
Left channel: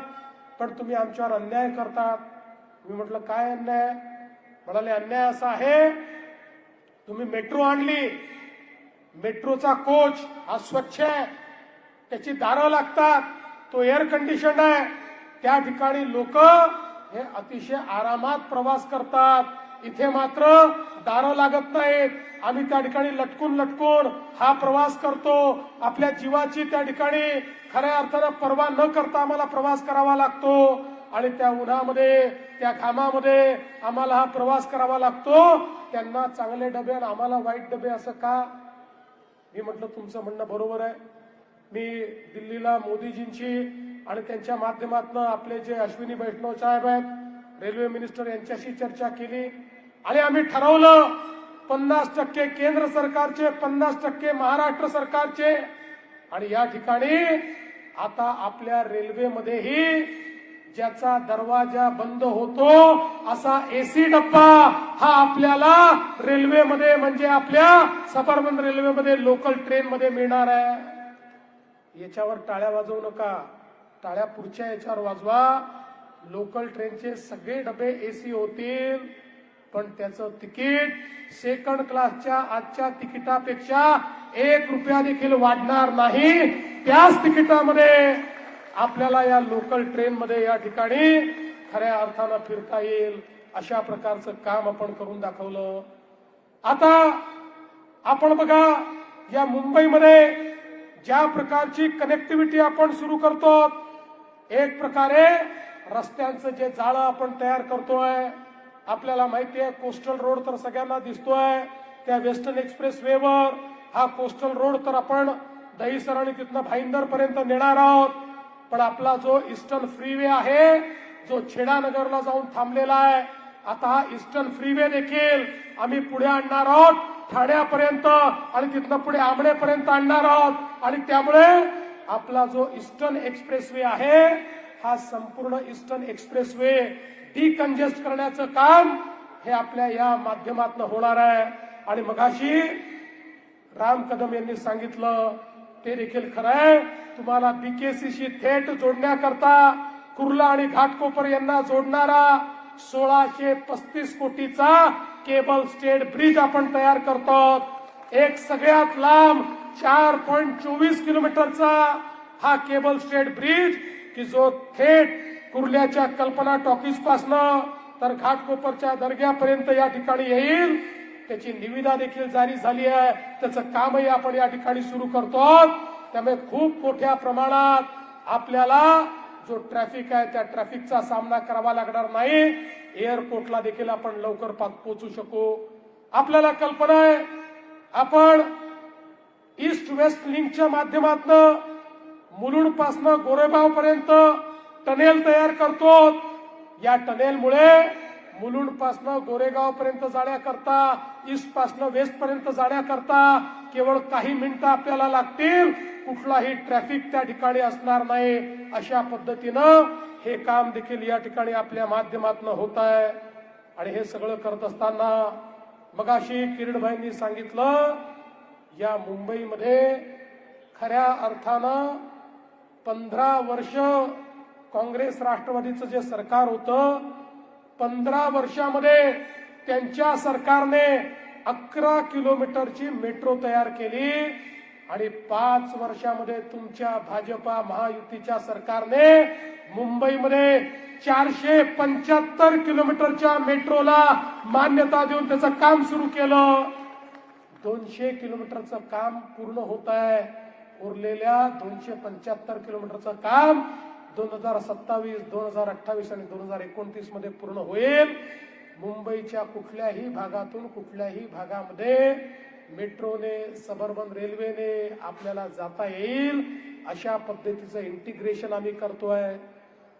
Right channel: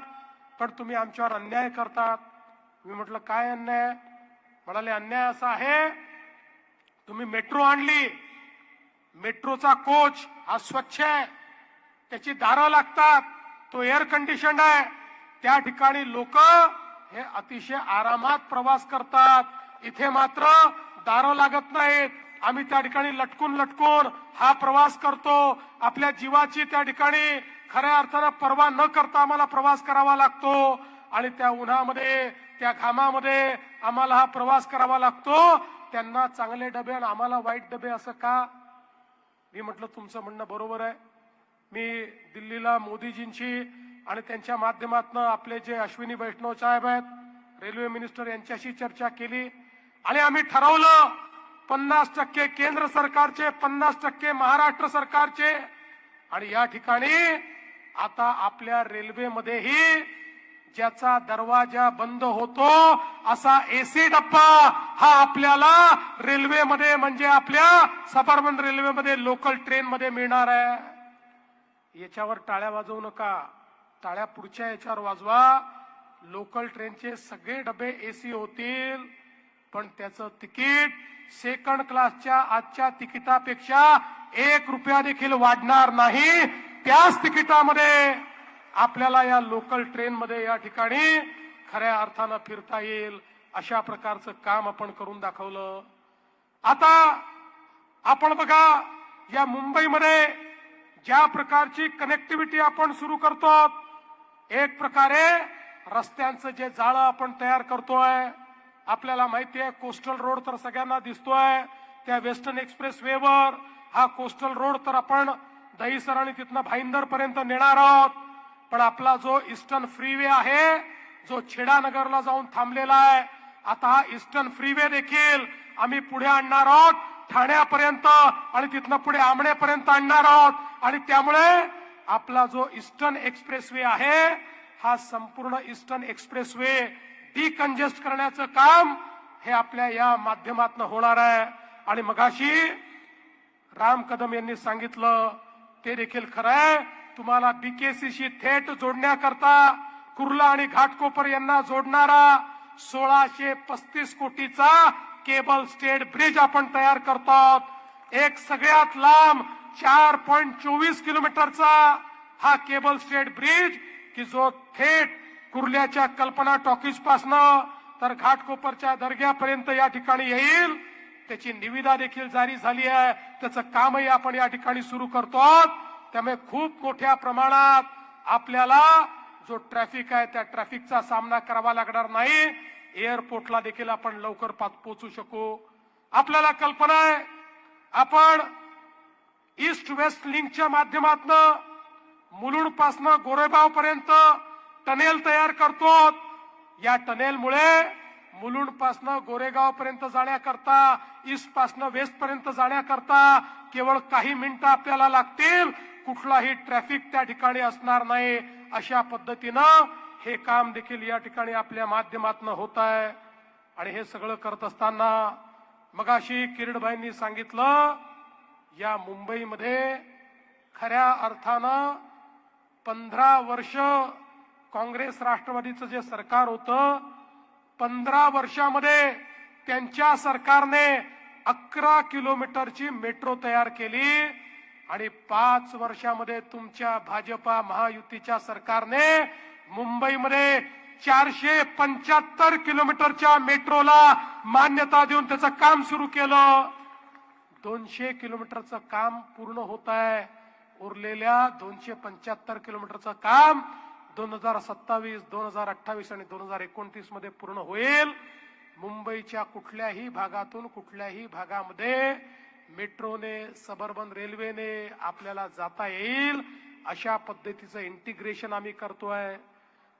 पण तुम्ही आमच्यावर अन्याय करतात. मी म्हटलं काय अन्याय? म्हणाले अन्याय असा आहे, तुम्ही मेट्रो आणली, मेट्रोचा कोच हा स्वच्छ आहे, त्याची दारं लागतात, तो एअर कंडिशन आहे. त्या ठिकाणी लोक हे अतिशय आरामात प्रवास करतात. इथे मात्र दारं लागत नाहीत. आम्ही त्या ठिकाणी लटकून लटकून हा प्रवास करतो. आपल्या जीवाची त्या ठिकाणी खऱ्या अर्थानं पर्वा न करता आम्हाला प्रवास करावा लागतो. आणि त्या उन्हामध्ये, त्या घामामध्ये आम्हाला हा प्रवास करावा लागतो. त्यांना चांगले डबे आणि आम्हाला वाईट डबे, असं का? मी म्हटलं तुमचं म्हणणं बरोबर आहे. मी दिल्लीला मोदीजींची आणि त्यांच्या माध्यमातून आपले जे अश्विनी वैष्णव साहेब आहेत, रेल्वे मिनिस्टर, यांच्याशी चर्चा केली आणि आम्ही ठरवलं 50% केंद्र सरकारचे, 50% महाराष्ट्र सरकारचे. आणि या ठिकाणी आता आपल्या रेल्वेमध्येही ज्याचा दरवाजा बंद होतो असा एसी डब्बा हा आपल्याला रेल्वेमध्ये, म्हणजे आपल्या सबर्बन रेल्वेमध्ये, लोकल ट्रेन मध्ये मिळणार आहे. याच्यावर टाळ्या वाजवू नका, टाळ्या पुढच्या याच्यावर वाजवा. लोकल ट्रेनचे सगळे डबे एसी होतील, पण त्याचं तिकीट सेकंड क्लासच्या आजच्या तिकिटापेक्षा 1 रुपया देखील वाढणार नाही. त्याच तिकिटामध्ये आपल्याला या लोकल ट्रेन मध्ये या ठिकाणी खऱ्या अर्थानं फिरता येईल. अशा प्रकारचं काम आपण करून दाखवलं. आता आपण बघा, या मुंबईमध्ये ज्या प्रकारची कनेक्टिव्हिटी आपण सुरू करतो, एक प्रकारे रस्त्यांचं जे जाळं आपण तयार करतोय, आपल्याला माहिती आहे कोस्टल रोड तर सगळ्यांना दिसतोय. त्या वेस्टर्न एक्सप्रेस वेवर हा कोस्टल रोड तर आपण दहीसर आणि तिथनं भाईंदर पर्यंत नेणार आहोत. पण आपला जो ईस्टर्न फ्रीवे आहे, जो छेडानगरला जाऊन थांबलेला आहे, आता हा ईस्टर्न फ्रीवे देखील आम्ही पुढे आणणार आहोत, ठाण्यापर्यंत, आणि तिथनं पुढे आमणेपर्यंत आणणार आहोत. आणि त्यामुळे आपला जो ईस्टर्न एक्सप्रेसवे आहे, हा संपूर्ण ईस्टर्न एक्सप्रेसवे डिकंजेस्ट करण्याचं काम हे आपल्या या माध्यमातून होणार आहे. आणि मगाशी राम कदम यांनी सांगितलं ते देखील खरं आहे. तुम्हाला बीकेसीशी थेट जोडण्याकरता कुर्ला आणि घाटकोपर यांना जोडणारा 1635 कोटीचा केबल स्टेट ब्रिज आपण तयार करतो. एक सगळ्यात लांब 4.24 किलोमीटरचा हा केबल स्टेट ब्रिज, की जो थेट कुर्ल्याच्या कल्पना टॉकीज पासनं तर घाटकोपरच्या दर्ग्यापर्यंत या ठिकाणी येईल. त्याची निविदा देखील जारी झाली आहे, त्याचं कामही आपण या ठिकाणी सुरू करतो. त्यामुळे खूप मोठ्या प्रमाणात आपल्याला जो ट्रॅफिक आहे त्या ट्रॅफिकचा सामना करावा लागणार नाही. एअरपोर्टला देखील आपण लवकर पोहोचू शकू. आपल्याला कल्पना आहे, आपण ईस्ट वेस्ट लिंकच्या माध्यमातून मुलुंड पासनं गोरेगाव पर्यंत टनेल तयार करतो. या टनेलमुळे मुलुंड पासनं गोरेगाव पर्यंत जाण्याकरता, ईस्ट पासनं वेस्ट पर्यंत जाण्याकरता केवळ काही मिनिटं आपल्याला लागतील. कुठलाही ट्रॅफिक त्या ठिकाणी असणार नाही. अशा पद्धतीनं हे काम देखील या ठिकाणी आपल्या माध्यमातून होत आहे. आणि हे सगळं करत असताना मगाशी किरीटभाईंनी सांगितलं, या मुंबईमध्ये खऱ्या अर्थानं 15 वर्ष काँग्रेस राष्ट्रवादीचं जे सरकार होतं, 15 वर्षामध्ये त्यांच्या सरकारने 11 किलोमीटरची मेट्रो तयार केली. आणि 5 वर्षामध्ये तुमच्या भाजपा महायुतीच्या सरकारने मुंबईमध्ये 475 किलोमीटरच्या मेट्रोला मान्यता देऊन त्याचं काम सुरू केलं. 200 किलोमीटरचं काम पूर्ण होत आहे. उरलेल्या 275 किलोमीटरचं काम 2027, 2028 आणि 2029 मध्ये पूर्ण होईल. मुंबईच्या कुठल्याही भागातून कुठल्याही भागामध्ये मेट्रोने, सबर्बन रेल्वेने आपल्याला जाता येईल. अशा पद्धतीचं इंटिग्रेशन आम्ही करतोय.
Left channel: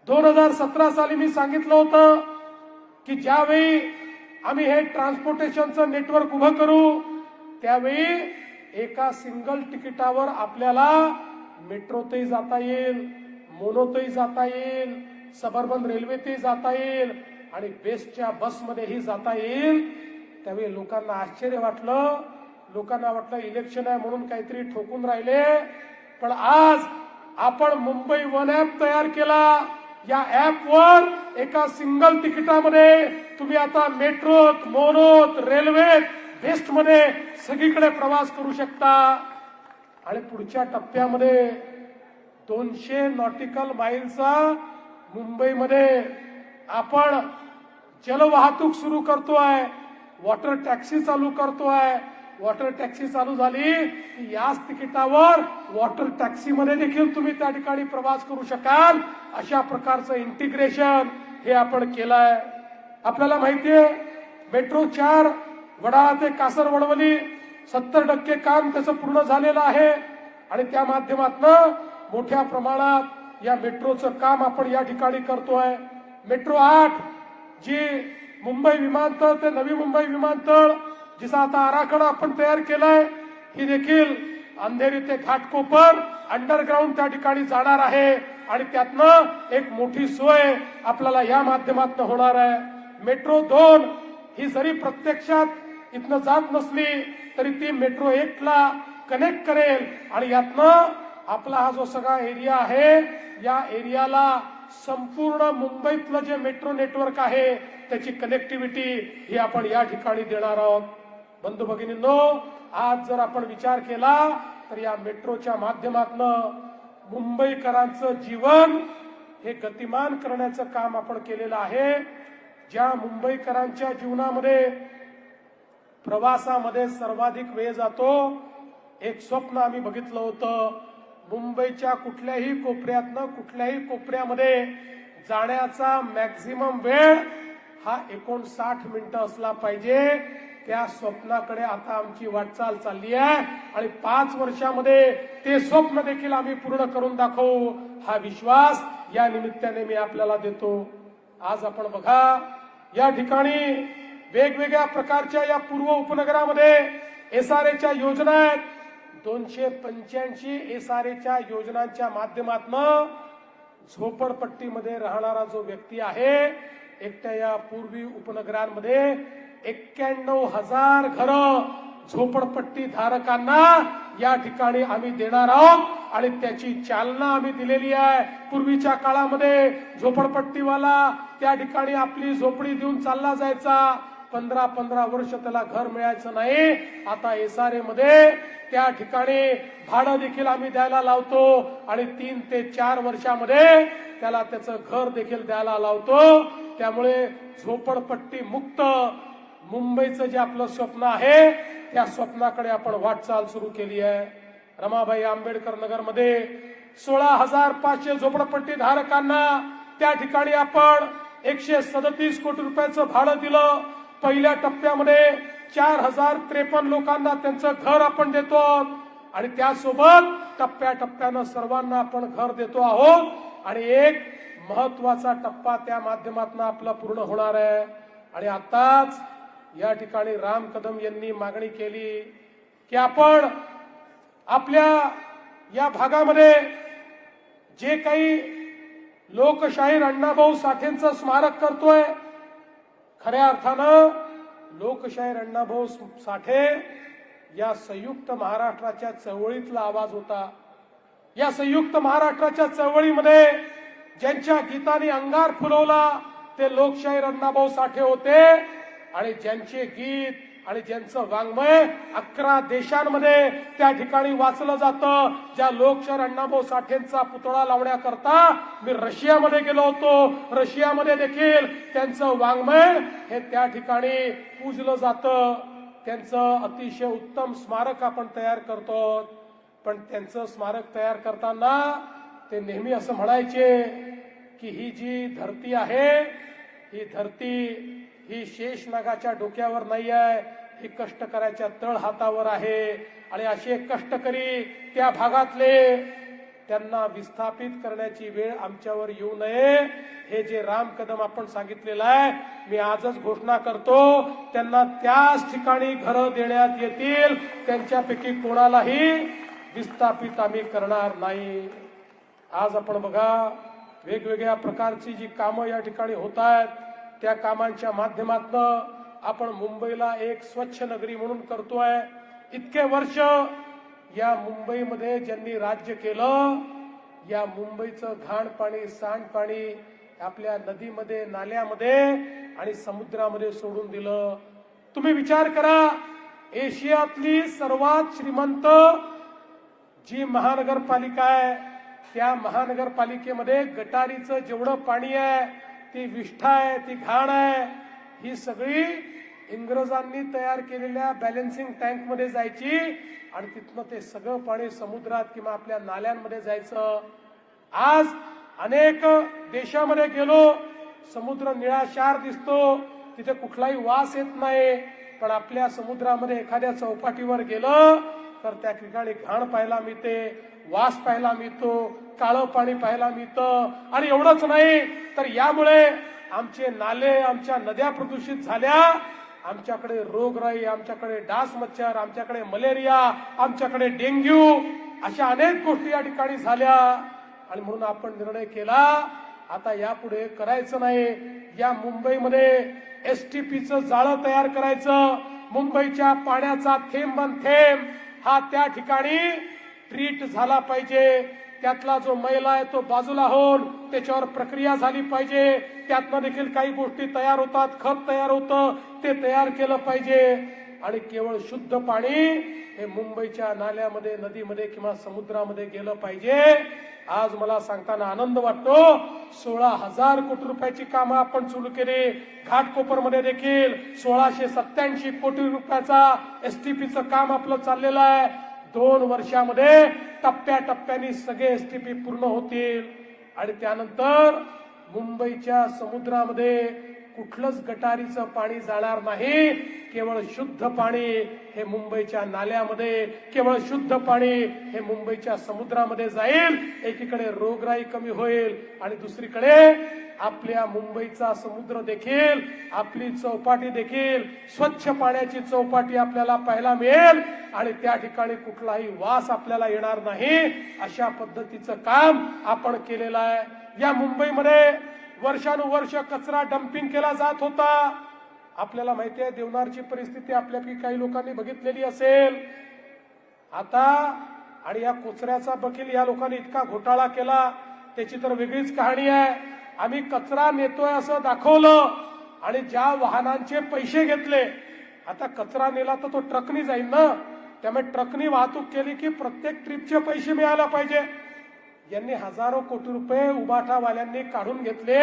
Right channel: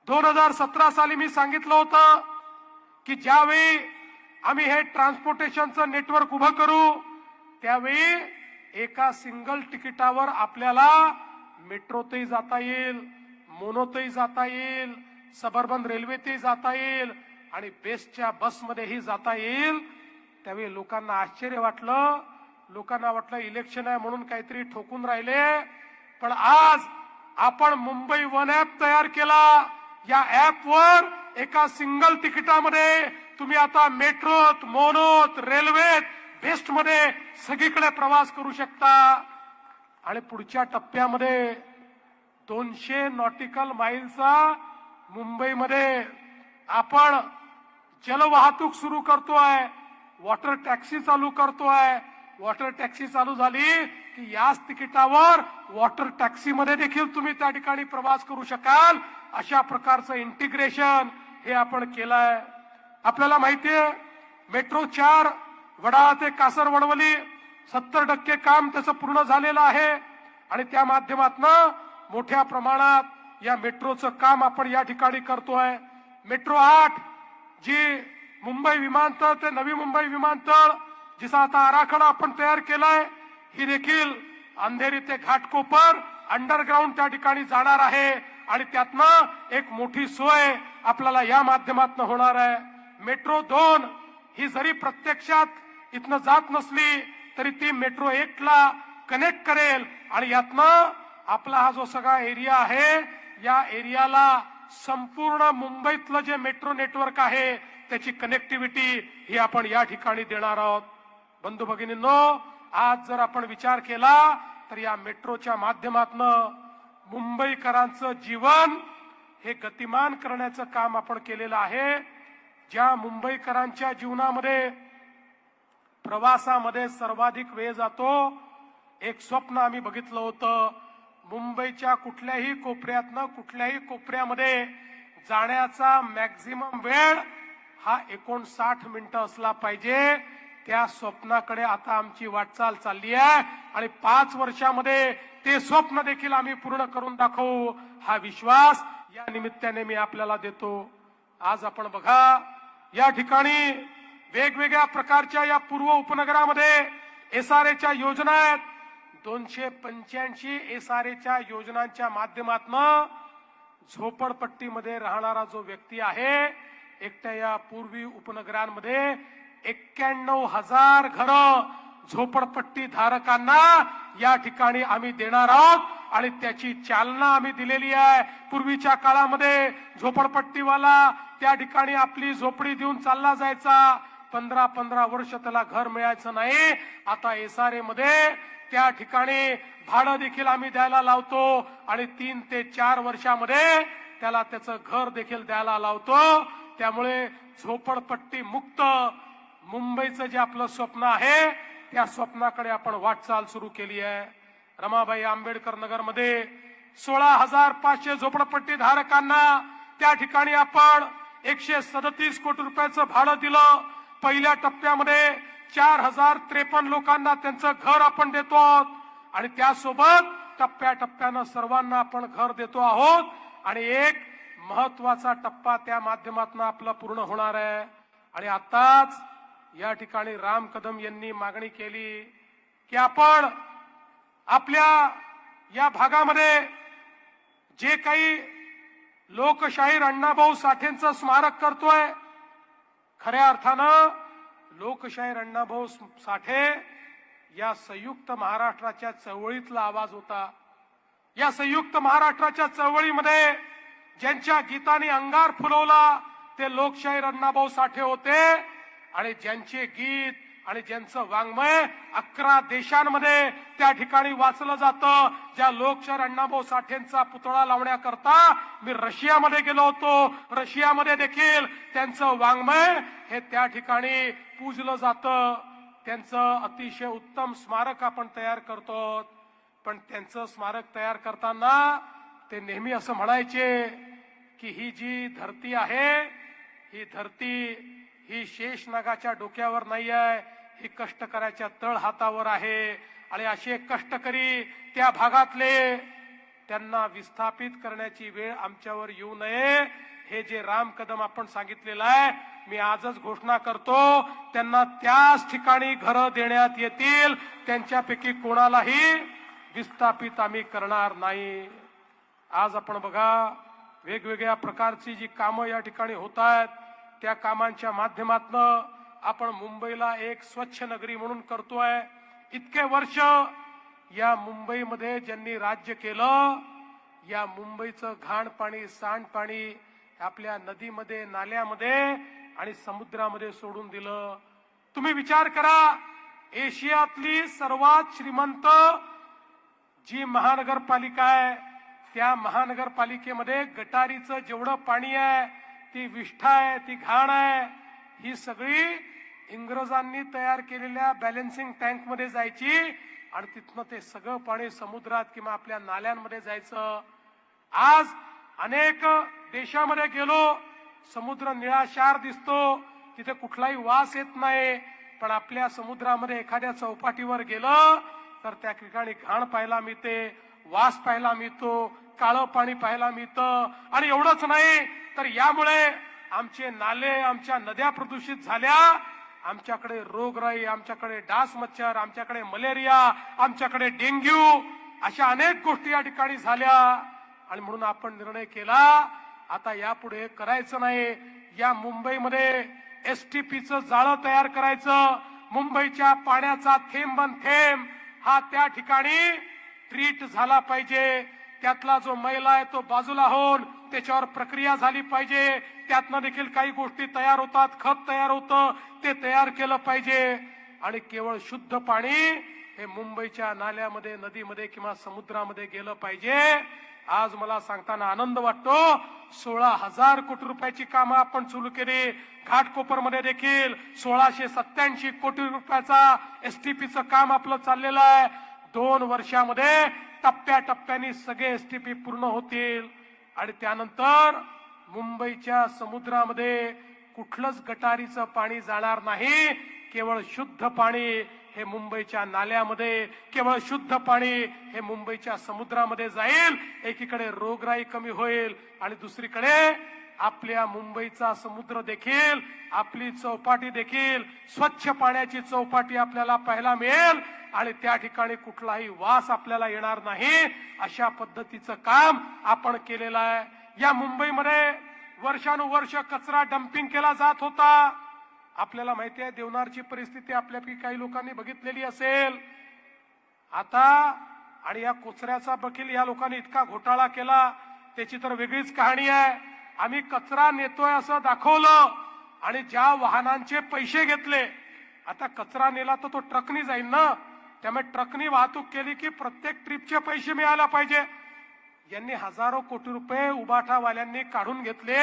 2017 साली मी सांगितलं होतं की ज्यावेळी आम्ही हे ट्रान्सपोर्टेशनचं नेटवर्क उभं करू, त्यावेळी एका सिंगल तिकिटावर आपल्याला मेट्रोतही जाता येईल, मोनोतही जाता येईल, सबर्बन रेल्वेतही जाता येईल आणि बेस्टच्या बसमध्येही जाता येईल. त्यावेळी लोकांना आश्चर्य वाटलं. लोकांना वाटलं इलेक्शन आहे म्हणून काहीतरी ठोकून राहिले. पण आज आपण मुंबई वन ऍप तयार केला. या ऍपवर एका सिंगल तिकिटामध्ये तुम्ही आता मेट्रोत, मोनोत, रेल्वेत, बेस्ट मध्ये सगळीकडे प्रवास करू शकता. आणि पुढच्या टप्प्यामध्ये 200 नॉटिकल माईलचा मुंबईमध्ये आपण जलवाहतूक सुरू करतोय, वॉटर टॅक्सी चालू करतोय. वॉटर टॅक्सी चालू झाली की याच तिकिटावर वॉटर टॅक्सी मध्ये देखील तुम्ही त्या ठिकाणी प्रवास करू शकाल. अशा प्रकारचं इंटिग्रेशन हे आपण केलंय. आपल्याला माहितीये मेट्रो 4 वडाळा ते कासरवडवली 70% काम त्याचं पूर्ण झालेलं आहे. आणि त्या माध्यमातून मोठ्या प्रमाणात या मेट्रोचं काम आपण या ठिकाणी करतोय. मेट्रो 8 जी मुंबई विमानतळ ते नवी मुंबई विमानतळ जिचा आता आराखडा आपण तयार केलाय, ही देखील अंधेरी ते घाटकोपर अंडरग्राऊंड त्या ठिकाणी जाणार आहे. आणि त्यातनं एक मोठी सोय आपल्याला या माध्यमातून होणार आहे. मेट्रो 2 ही जरी प्रत्यक्षात इथनं जात नसली तरी ती मेट्रो 1 ला कनेक्ट करेल. आणि यातनं आपला हा जो सगळा एरिया आहे, या एरियाला संपूर्ण मुंबईतलं जे मेट्रो नेटवर्क आहे त्याची कनेक्टिव्हिटी ही आपण या ठिकाणी देणार आहोत. बंधू भगिनींनो, आज जर आपण विचार केला तर या मेट्रोच्या माध्यमातून मुंबईकरांचं जीवन हे गतिमान करण्याचं काम आपण केलेलं आहे. ज्या मुंबईकरांच्या जीवनामध्ये प्रवासामध्ये सर्वाधिक वेळ जातो, एक स्वप्न आम्ही बघितलं होतं. मुंबईच्या कुठल्याही कोपऱ्यातनं कुठल्याही कोपऱ्यामध्ये जाण्याचा मॅक्झिमम वेळ हा 59 मिनिटं असला पाहिजे. त्या स्वप्नाकडे आता आमची वाटचाल चालली आहे. आणि 5 वर्षामध्ये ते स्वप्न देखील आम्ही पूर्ण करून दाखवू, हा विश्वास या निमित्ताने मी आपल्याला देतो. आज आपण बघा, या ठिकाणी वेगवेगळ्या प्रकारच्या या पूर्व उपनगरामध्ये एसआरएच्या योजना आहेत. 285 एसआरएच्या योजनांच्या माध्यमातून झोपडपट्टीमध्ये राहणारा जो व्यक्ती आहे, एकट्या या पूर्वी उपनगरांमध्ये 91,000 घरं झोपडपट्टी धारकांना या ठिकाणी आम्ही देणार आहोत. आणि त्याची चालना आम्ही दिलेली आहे. पूर्वीच्या काळामध्ये झोपडपट्टीवाला त्या ठिकाणी आपली झोपडी देऊन चालला जायचा. 15-15 वर्ष त्याला घर मिळायचं नाही. आता एसआरए मध्ये त्या ठिकाणी भाडं देखील आम्ही द्यायला लावतो. आणि 3 ते 4 वर्षामध्ये त्याला त्याचं घर देखील द्यायला लावतो. त्यामुळे झोपडपट्टी मुक्त मुंबईचं जे आपलं स्वप्न आहे, त्या स्वप्नाकडे आपण वाटचाल सुरू केली आहे. रमाबाई आंबेडकर नगर मध्ये 16,500 झोपडपट्टी धारकांना त्या ठिकाणी आपण 137 कोटी रुपयाचं भाडं दिलं. पहिल्या टप्प्यामध्ये 4,053 लोकांना त्यांचं घर आपण देतो. आणि त्यासोबत टप्प्याटप्प्यानं सर्वांना आपण घर देतो आहोत आणि एक महत्वाचा टप्पा त्या माध्यमातून आपला पूर्ण होणार आहे. आणि आताच या ठिकाणी राम कदम यांनी मागणी केली की आपण आपल्या या भागामध्ये जे काही लोकशाहीर अण्णाभाऊ साठेंचं स्मारक करतोय, खऱ्या अर्थानं लोकशाहीर अण्णाभाऊ साठे या संयुक्त महाराष्ट्राच्या चळवळीतला आवाज होता. या संयुक्त महाराष्ट्राच्या चळवळीमध्ये ज्यांच्या गीताने अंगार फुलवला ते लोकशाहीर अण्णाभाऊ साठे होते आणि ज्यांचे गीत आणि ज्यांचं वाङ्मय 11 देशांमध्ये त्या ठिकाणी वाचलं जातं. ज्या लोकशाहीर अण्णाभाऊ साठेंचा पुतळा लावण्याकरता मी रशियामध्ये गेलो होतो. रशियामध्ये देखील त्यांचं वाङ्मय हे त्या ठिकाणी पूजलं जातं. त्यांचं अतिशय उत्तम स्मारक आपण तयार करतो. पण त्यांचं स्मारक तयार करताना ते नेहमी असं म्हणायचे की ही जी धरती आहे, ही धरती ही शेषनागाच्या डोक्यावर नाही आहे, ही कष्टकऱ्याच्या तळहातावर आहे. आणि असे कष्टकरी त्या भागातले, त्यांना विस्थापित करण्याची वेळ आमच्यावर येऊ नये. हे जे राम कदम आपण सांगितलेलं आहे, मी आजच घोषणा करतो, त्यांना त्याच ठिकाणी घरं देण्यात येतील. त्यांच्यापैकी कोणालाही विस्थापित आम्ही करणार नाही. आज आपण बघा, वेगवेगळ्या प्रकारची जी कामं या ठिकाणी होत आहेत, त्या कामांच्या माध्यमातून आपण मुंबईला एक स्वच्छ नगरी म्हणून करतोय. इतके वर्ष या मुंबईमध्ये ज्यांनी राज्य केलं, या मुंबईचं घाण पाणी, सांडपाणी आपल्या नदीमध्ये, नाल्यामध्ये आणि समुद्रामध्ये सोडून दिलं. तुम्ही विचार करा, एशियातली सर्वात श्रीमंत जी महानगरपालिका आहे, त्या महानगरपालिकेमध्ये गटारीचं जेवढं पाणी आहे, ती विष्ठा आहे, ती घाण आहे, ही सगळी इंग्रजांनी तयार केलेल्या बॅलन्सिंग टँक मध्ये जायची आणि तिथनं ते सगळं पाणी समुद्रात किंवा आपल्या नाल्यांमध्ये जायचं. आज अनेक देशामध्ये गेलो, समुद्र निळाशार दिसतो, तिथे कुठलाही वास येत नाही. पण आपल्या समुद्रामध्ये एखाद्या चौपाटीवर गेलं तर त्या ठिकाणी घाण पाहायला मिळते, वास पाहायला मिळतो, काळं पाणी पाहायला मिळतं. आणि एवढंच नाही तर यामुळे आमचे नाले, आमच्या नद्या प्रदूषित झाल्या. आमच्याकडे रोगराई, आमच्याकडे डास मच्छर, आमच्याकडे मलेरिया, आमच्याकडे डेंग्यू, अशा अनेक गोष्टी या ठिकाणी झाल्या. आणि म्हणून आपण निर्णय केला, आता यापुढे करायचं नाही. या मुंबईमध्ये एसटीपीचं जाळं तयार करायचं. मुंबईच्या पाण्याचा थेंब थेंब हा त्या ठिकाणी ट्रीट झाला पाहिजे. त्यातला जो मैला आहे तो बाजूला होऊन त्याच्यावर प्रक्रिया झाली पाहिजे. त्यातनं देखील काही गोष्टी तयार होतात, खत तयार होतं, ते तयार केलं पाहिजे. आणि केवळ शुद्ध पाणी हे मुंबईच्या नाल्यामध्ये, नदीमध्ये किंवा समुद्रामध्ये गेलं पाहिजे. आज मला सांगताना आनंद वाटतो, 16,000 कोटी रुपयाची कामं आपण सुरू केली. घाटकोपरमध्ये देखील 1687 कोटी रुपयाचा एसटीपीचं काम आपलं चाललेलं आहे. 2 वर्षामध्ये टप्प्याटप्प्याने सगळे एसटीपी पूर्ण होतील. आणि त्यानंतर मुंबईच्या समुद्रामध्ये कुठलंच गटारीचं पाणी जाणार नाही. केवळ शुद्ध पाणी हे मुंबईच्या नाल्यामध्ये, केवळ शुद्ध पाणी हे मुंबईच्या समुद्रामध्ये जाईल. एकीकडे रोगराई कमी होईल आणि दुसरीकडे आपल्या मुंबईचा समुद्र देखील, आपली चौपाटी देखील स्वच्छ पाण्याची चौपाटी आपल्याला पाहायला मिळेल. आणि त्या ठिकाणी कुठलाही वास आपल्याला येणार नाही. अशा पद्धतीचं काम आपण केलेलं आहे. या मुंबईमध्ये वर्षानुवर्ष कचरा डम्पिंग केला जात होता. आपल्याला माहिती आहे देवनारची परिस्थिती आपल्यापैकी काही लोकांनी बघितलेली असेल. आता आणि या कचऱ्याचा देखील या लोकांनी इतका घोटाळा केला, त्याची तर वेगळीच कहाणी आहे. आम्ही कचरा नेतोय असं दाखवलं आणि ज्या वाहनांचे पैसे घेतले, आता कचरा नेला तर तो ट्रकनी जाईल ना, त्यामुळे ट्रकनी वाहतूक केली की प्रत्येक ट्रिपचे पैसे मिळायला पाहिजे. यांनी हजारो कोटी रुपये उबाठावाल्यांनी काढून घेतले.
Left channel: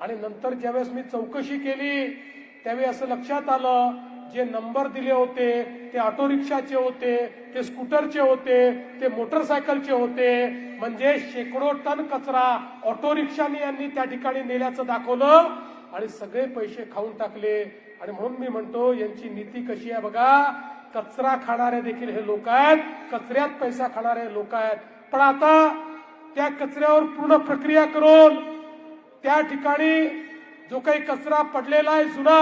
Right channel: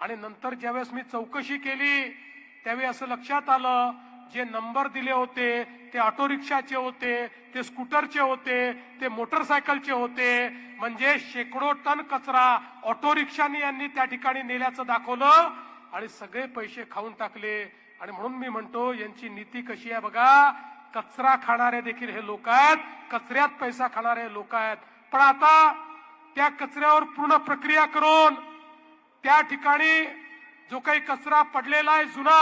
आणि नंतर ज्यावेळेस मी चौकशी केली त्यावेळी असं लक्षात आलं, जे नंबर दिले होते ते ऑटो रिक्षाचे होते, ते स्कूटरचे होते, ते मोटरसायकलचे होते. म्हणजे शेकडो टन कचरा ऑटो रिक्षाने यांनी त्या ठिकाणी नेल्याचं दाखवलं आणि सगळे पैसे खाऊन टाकले. आणि म्हणून मी म्हणतो यांची नीती कशी आहे बघा. कचरा खाणारे देखील हे लोक आहेत, कचऱ्यात पैसा खाणारे लोक आहेत. पण आता त्या कचऱ्यावर पूर्ण प्रक्रिया करून त्या ठिकाणी जो काही कचरा पडलेला आहे जुना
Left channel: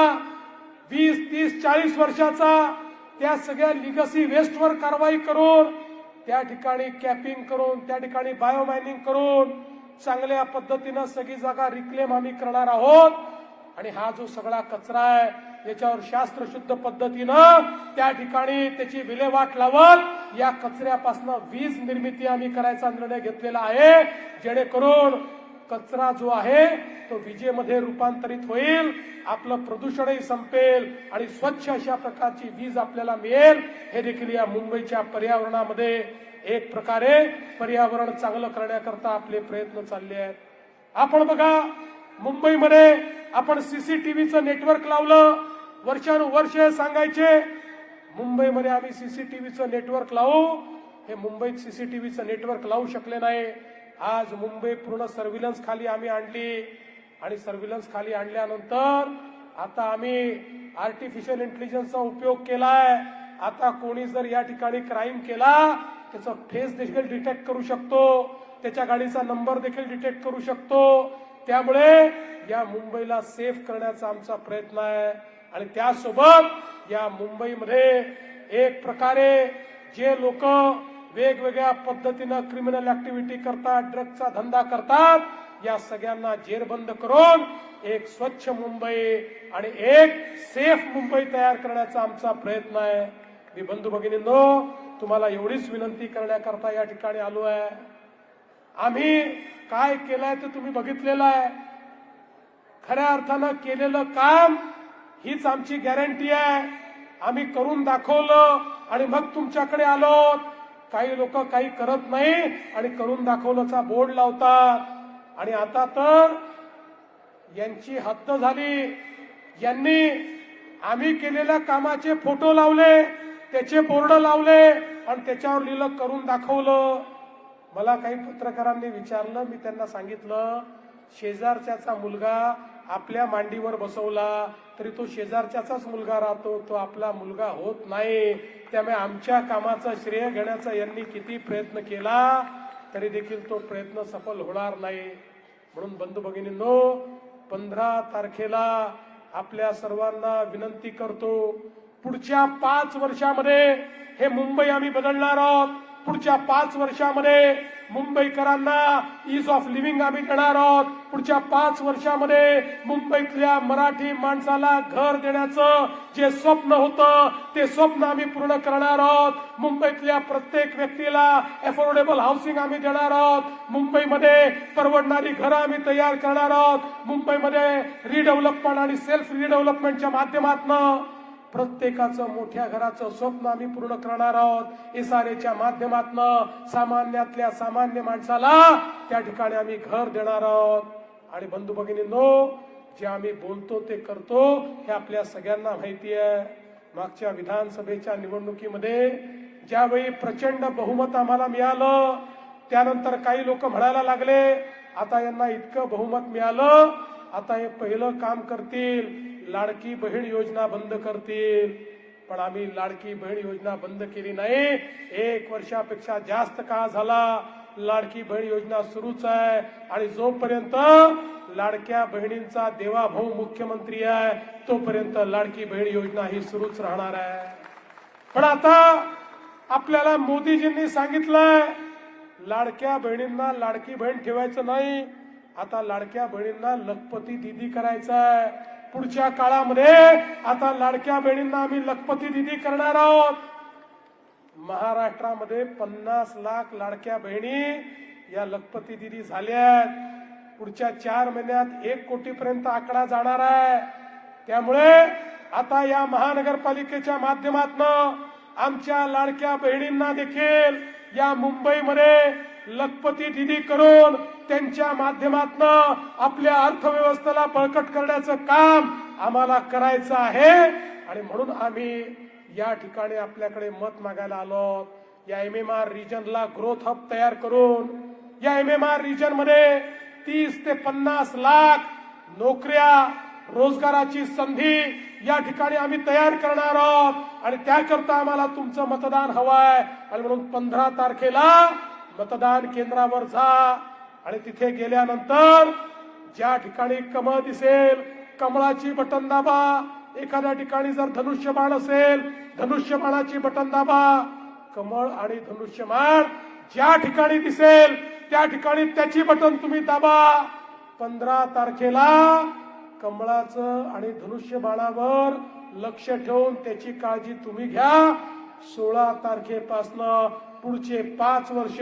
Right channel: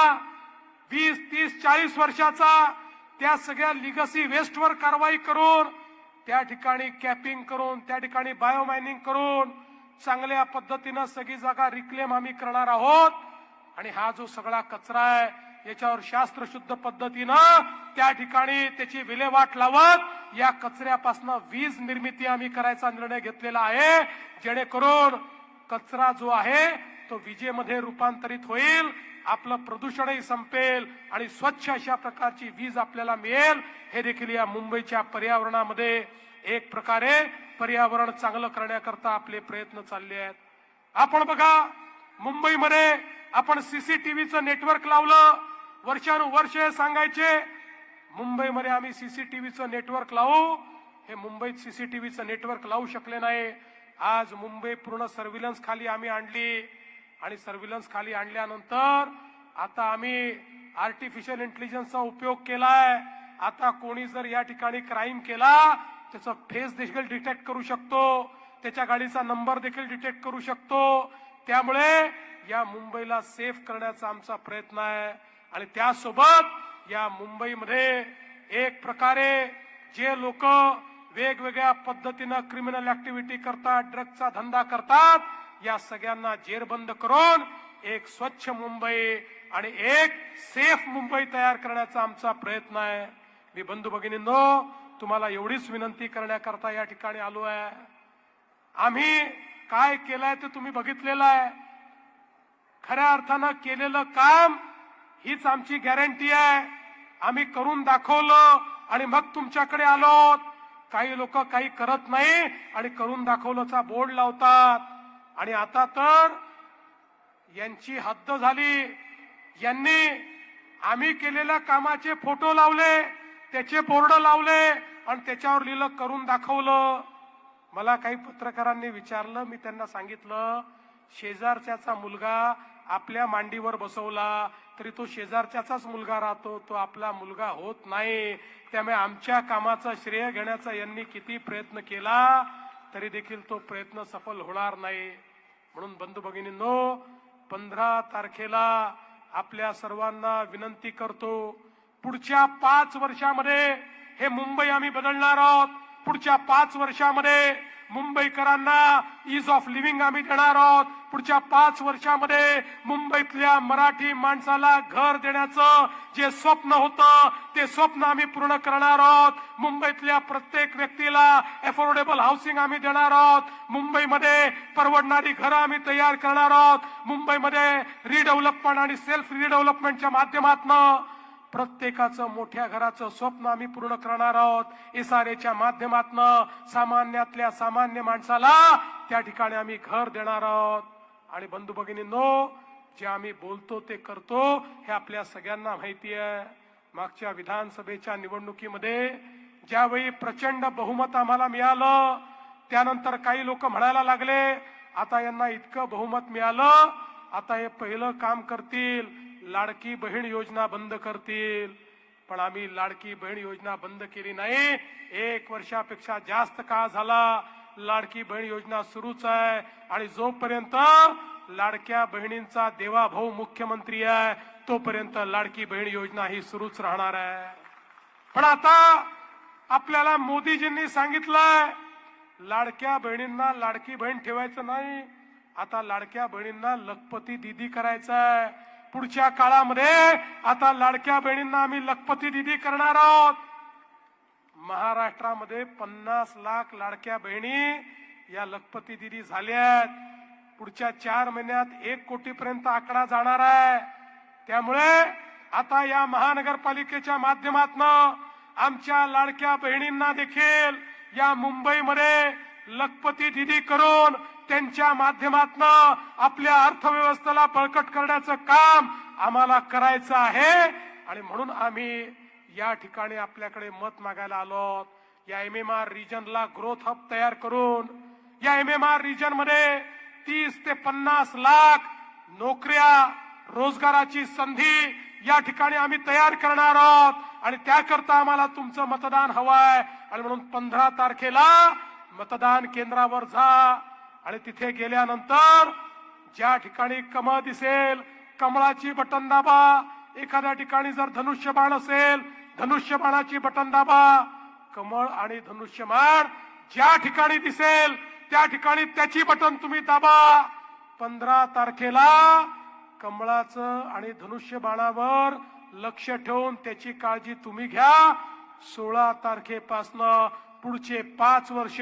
20, 30, 40 वर्षाचा, त्या सगळ्या लिगसी वेस्टवर कारवाई करून त्या ठिकाणी कॅपिंग करून त्या ठिकाणी बायोमायनिंग करून चांगल्या पद्धतीनं सगळी जागा रिक्लेम आम्ही करणार आहोत. आणि हा जो सगळा कचरा आहे याच्यावर शास्त्रशुद्ध पद्धतीनं त्या ठिकाणी त्याची विल्हेवाट लावत या कचऱ्यापासून वीज निर्मिती आम्ही करायचा निर्णय घेतलेला आहे, जेणेकरून कचरा जो आहे तो विजेमध्ये रूपांतरित होईल, आपलं प्रदूषणही संपेल आणि स्वच्छ अशा प्रकारची वीज आपल्याला मिळेल. हे देखील या मुंबईच्या पर्यावरणामध्ये एक प्रकारे पर्यावरण चांगलं करण्याकरता आपले प्रयत्न चालले आहेत. आपण बघा, मुंबईमध्ये आपण सीसीटीव्हीचं नेटवर्क लावलं. वर्षानुवर्ष सांगायचे मुंबईमध्ये आम्ही सीसीटीव्हीचं नेटवर्क लावू, हे मुंबईत सीसीटीव्हीचं नेटवर्क लावू शकले नाही. आज मुंबई पूर्ण सर्व्हिलन्स खाली आम्ही आणली आणि सर्व्हिलन्स खाली आणल्यानंतर आता आम्ही आर्टिफिशियल इंटेलिजन्सचा उपयोग केलाय. आता कोणी जर या ठिकाणी क्राईम केला त्याचा फेस देखील डिटेक्ट करू शकतो, त्याच्या गाडीचा नंबर देखील डिटेक्ट करू शकतो. त्यामुळे या मुंबईला सेफ करण्याचा आमचा प्रयत्न आहे. आणि त्यासोबत या मुंबईमध्ये एक प्रकारे जे लोक वेगवेगळ्या पद्धतीनं क्रिमिनल ऍक्टिव्हिटी करतात, ड्रग्जचा धंदा करतात, या सगळ्यांना जेरबंद करून एक स्वच्छ मुंबई आणि एक सेफ मुंबई तयार करण्याचा आमचा प्रयत्न आहे. मी बंधू भगिनींनो, तुम्हाला एवढीच विनंती करण्याकरता या ठिकाणी आलो आहे. आम्ही काय केलंय ते तुम्ही बघितलेलं आहे. खऱ्या अर्थानं केलेलं काम हीच आमची गॅरंटी आहे. आम्ही करून दाखवलं आणि मग तुमच्याकडे आलो. काही लोक काही करत नाही आणि करून दाखवलंचा बोर्ड लावतात. आणि आता तर यांची हद्द झाली. यांनी आम्ही केलेल्या कामाचे फोटो लावले, त्याचे बोर्ड लावले आणि त्याच्यावर लिहिलं करून दाखवलं. मला काही पत्रकारांनी विचारलं, मी त्यांना सांगितलं शेजारच्याचा मुलगा आपल्या मांडीवर बसवला तरी तो शेजारच्याचाच मुलगा राहतो, तो आपला मुलगा होत नाही. त्यामुळे आमच्या कामाचं श्रेय घेण्याचा यांनी किती प्रयत्न केला तरी देखील तो प्रयत्न सफल होणार नाही. म्हणून बंधू भगिनींनो, 15 तारखेला आपल्या सर्वांना विनंती करतो, पुढच्या 5 वर्षामध्ये हे मुंबई आम्ही बदलणार आहोत. पुढच्या 5 वर्षामध्ये मुंबईकरांना ईज ऑफ लिव्हिंग आम्ही देणार आहोत. पुढच्या 5 वर्षामध्ये मुंबईतल्या मराठी माणसाला घर देण्याचं जे स्वप्न होतं ते स्वप्न आम्ही पूर्ण करणार आहोत. मुंबईतल्या प्रत्येक व्यक्तीला अफोर्डेबल हाऊसिंग आम्ही देणार आहोत. मुंबईमध्ये परवडणारी घरं आम्ही तयार करणार आहोत. मुंबईमध्ये रिडेव्हलपमेंट आणि सेल्फ रिडेव्हलपमेंटच्या माध्यमातून प्रत्येकाचं मोठ्या घराचं स्वप्न आम्ही पूर्ण करणार आहोत. एसआरएच्या माध्यमातून सामान्यातल्या सामान्य माणसाला त्या ठिकाणी आम्ही घर देणार आहोत. आणि बंधू भगिनींनो, जे आम्ही बोलतो ते करतो हे आपल्या सगळ्यांना माहिती आहे. मागच्या विधानसभेच्या निवडणुकीमध्ये ज्यावेळी प्रचंड बहुमत आम्हाला मिळालं, त्यानंतर काही लोक म्हणायला लागले आता यांना इतकं बहुमत मिळालं, आता हे पहिलं काम करतील, लाडकी बहीण योजना बंद करतील. पण आम्ही लाडकी बहीण योजना बंद केली नाही. 1 वर्षापेक्षा जास्त काळ झाला लाडकी बहीण योजना सुरूच आहे. आणि जोपर्यंत लाडक्या बहिणींचा देवाभाऊ मुख्यमंत्री आहे तोपर्यंत लाडकी बहीण योजना ही सुरूच राहणार आहे. पण आता आपल्याला मोदीजींनी सांगितलंय लाडक्या बहिणींना लाडकी बहीण ठेवायचं नाही, आता लाडक्या बहिणींना लखपती दीदी करायचं आहे. पुढच्या काळामध्ये आता लाडक्या बहिणींना आम्ही लखपती दीदी करणार आहोत. महाराष्ट्रामध्ये 50 लाख लाडक्या बहिणी या लखपती दीदी झाल्यात. पुढच्या 4 महिन्यात 1 कोटीपर्यंत आकडा जाणार आहे. त्यामुळे आता या महानगरपालिकेच्या माध्यमातून आमच्या लाडक्या बहिणींना देखील या मुंबईमध्ये लखपती दीदी करून त्यांच्या माध्यमातून आपल्या अर्थव्यवस्थेला बळकट करण्याचं काम आम्हाला करायचं आहे. आणि म्हणून आम्ही या ठिकाणी आपल्याकडे मत मागायला आलो. या MMR रिजनला ग्रोथ हब तयार करून या MMR रिजन मध्ये 30 ते 50 लाख नोकऱ्या रोजगाराची संधी या ठिकाणी आम्ही तयार करणार आहोत आणि त्याकरता आम्हाला तुमचं मतदान हवंय. आणि म्हणून 15 तारखेला मतदान केंद्रावर जा आणि तिथे गेल्यानंतर ज्या ठिकाणी कमळ दिसेल कमळाची बटन दाबा. एखाद्या ठिकाणी जर धनुष्यबाण असेल धनुष्यबाणाची बटन दाबा. कमळ आणि धनुष्यबाण ज्या ठिकाणी दिसेल त्या ठिकाणी त्याची बटन तुम्ही दाबा. 15 तारखेला कमळाचं आणि धनुष्यबाणावर लक्ष ठेवून त्याची काळजी तुम्ही घ्या. 16 तारखेपासनं पुढचे 5 वर्ष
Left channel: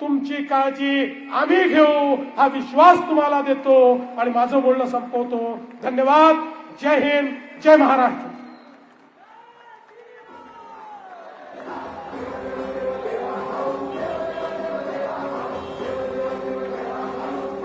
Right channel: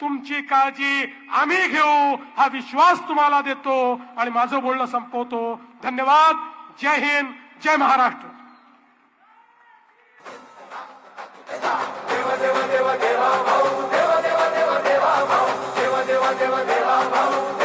तुमची काळजी आम्ही घेऊ हा विश्वास तुम्हाला देतो आणि माझं बोलणं संपवतो. धन्यवाद. जय हिंद. जय महाराष्ट्र. देवा देवा देवा देवा भाऊ, देवा देवा देवा देवा भाऊ, देवा देवा देवा देवा भाऊ.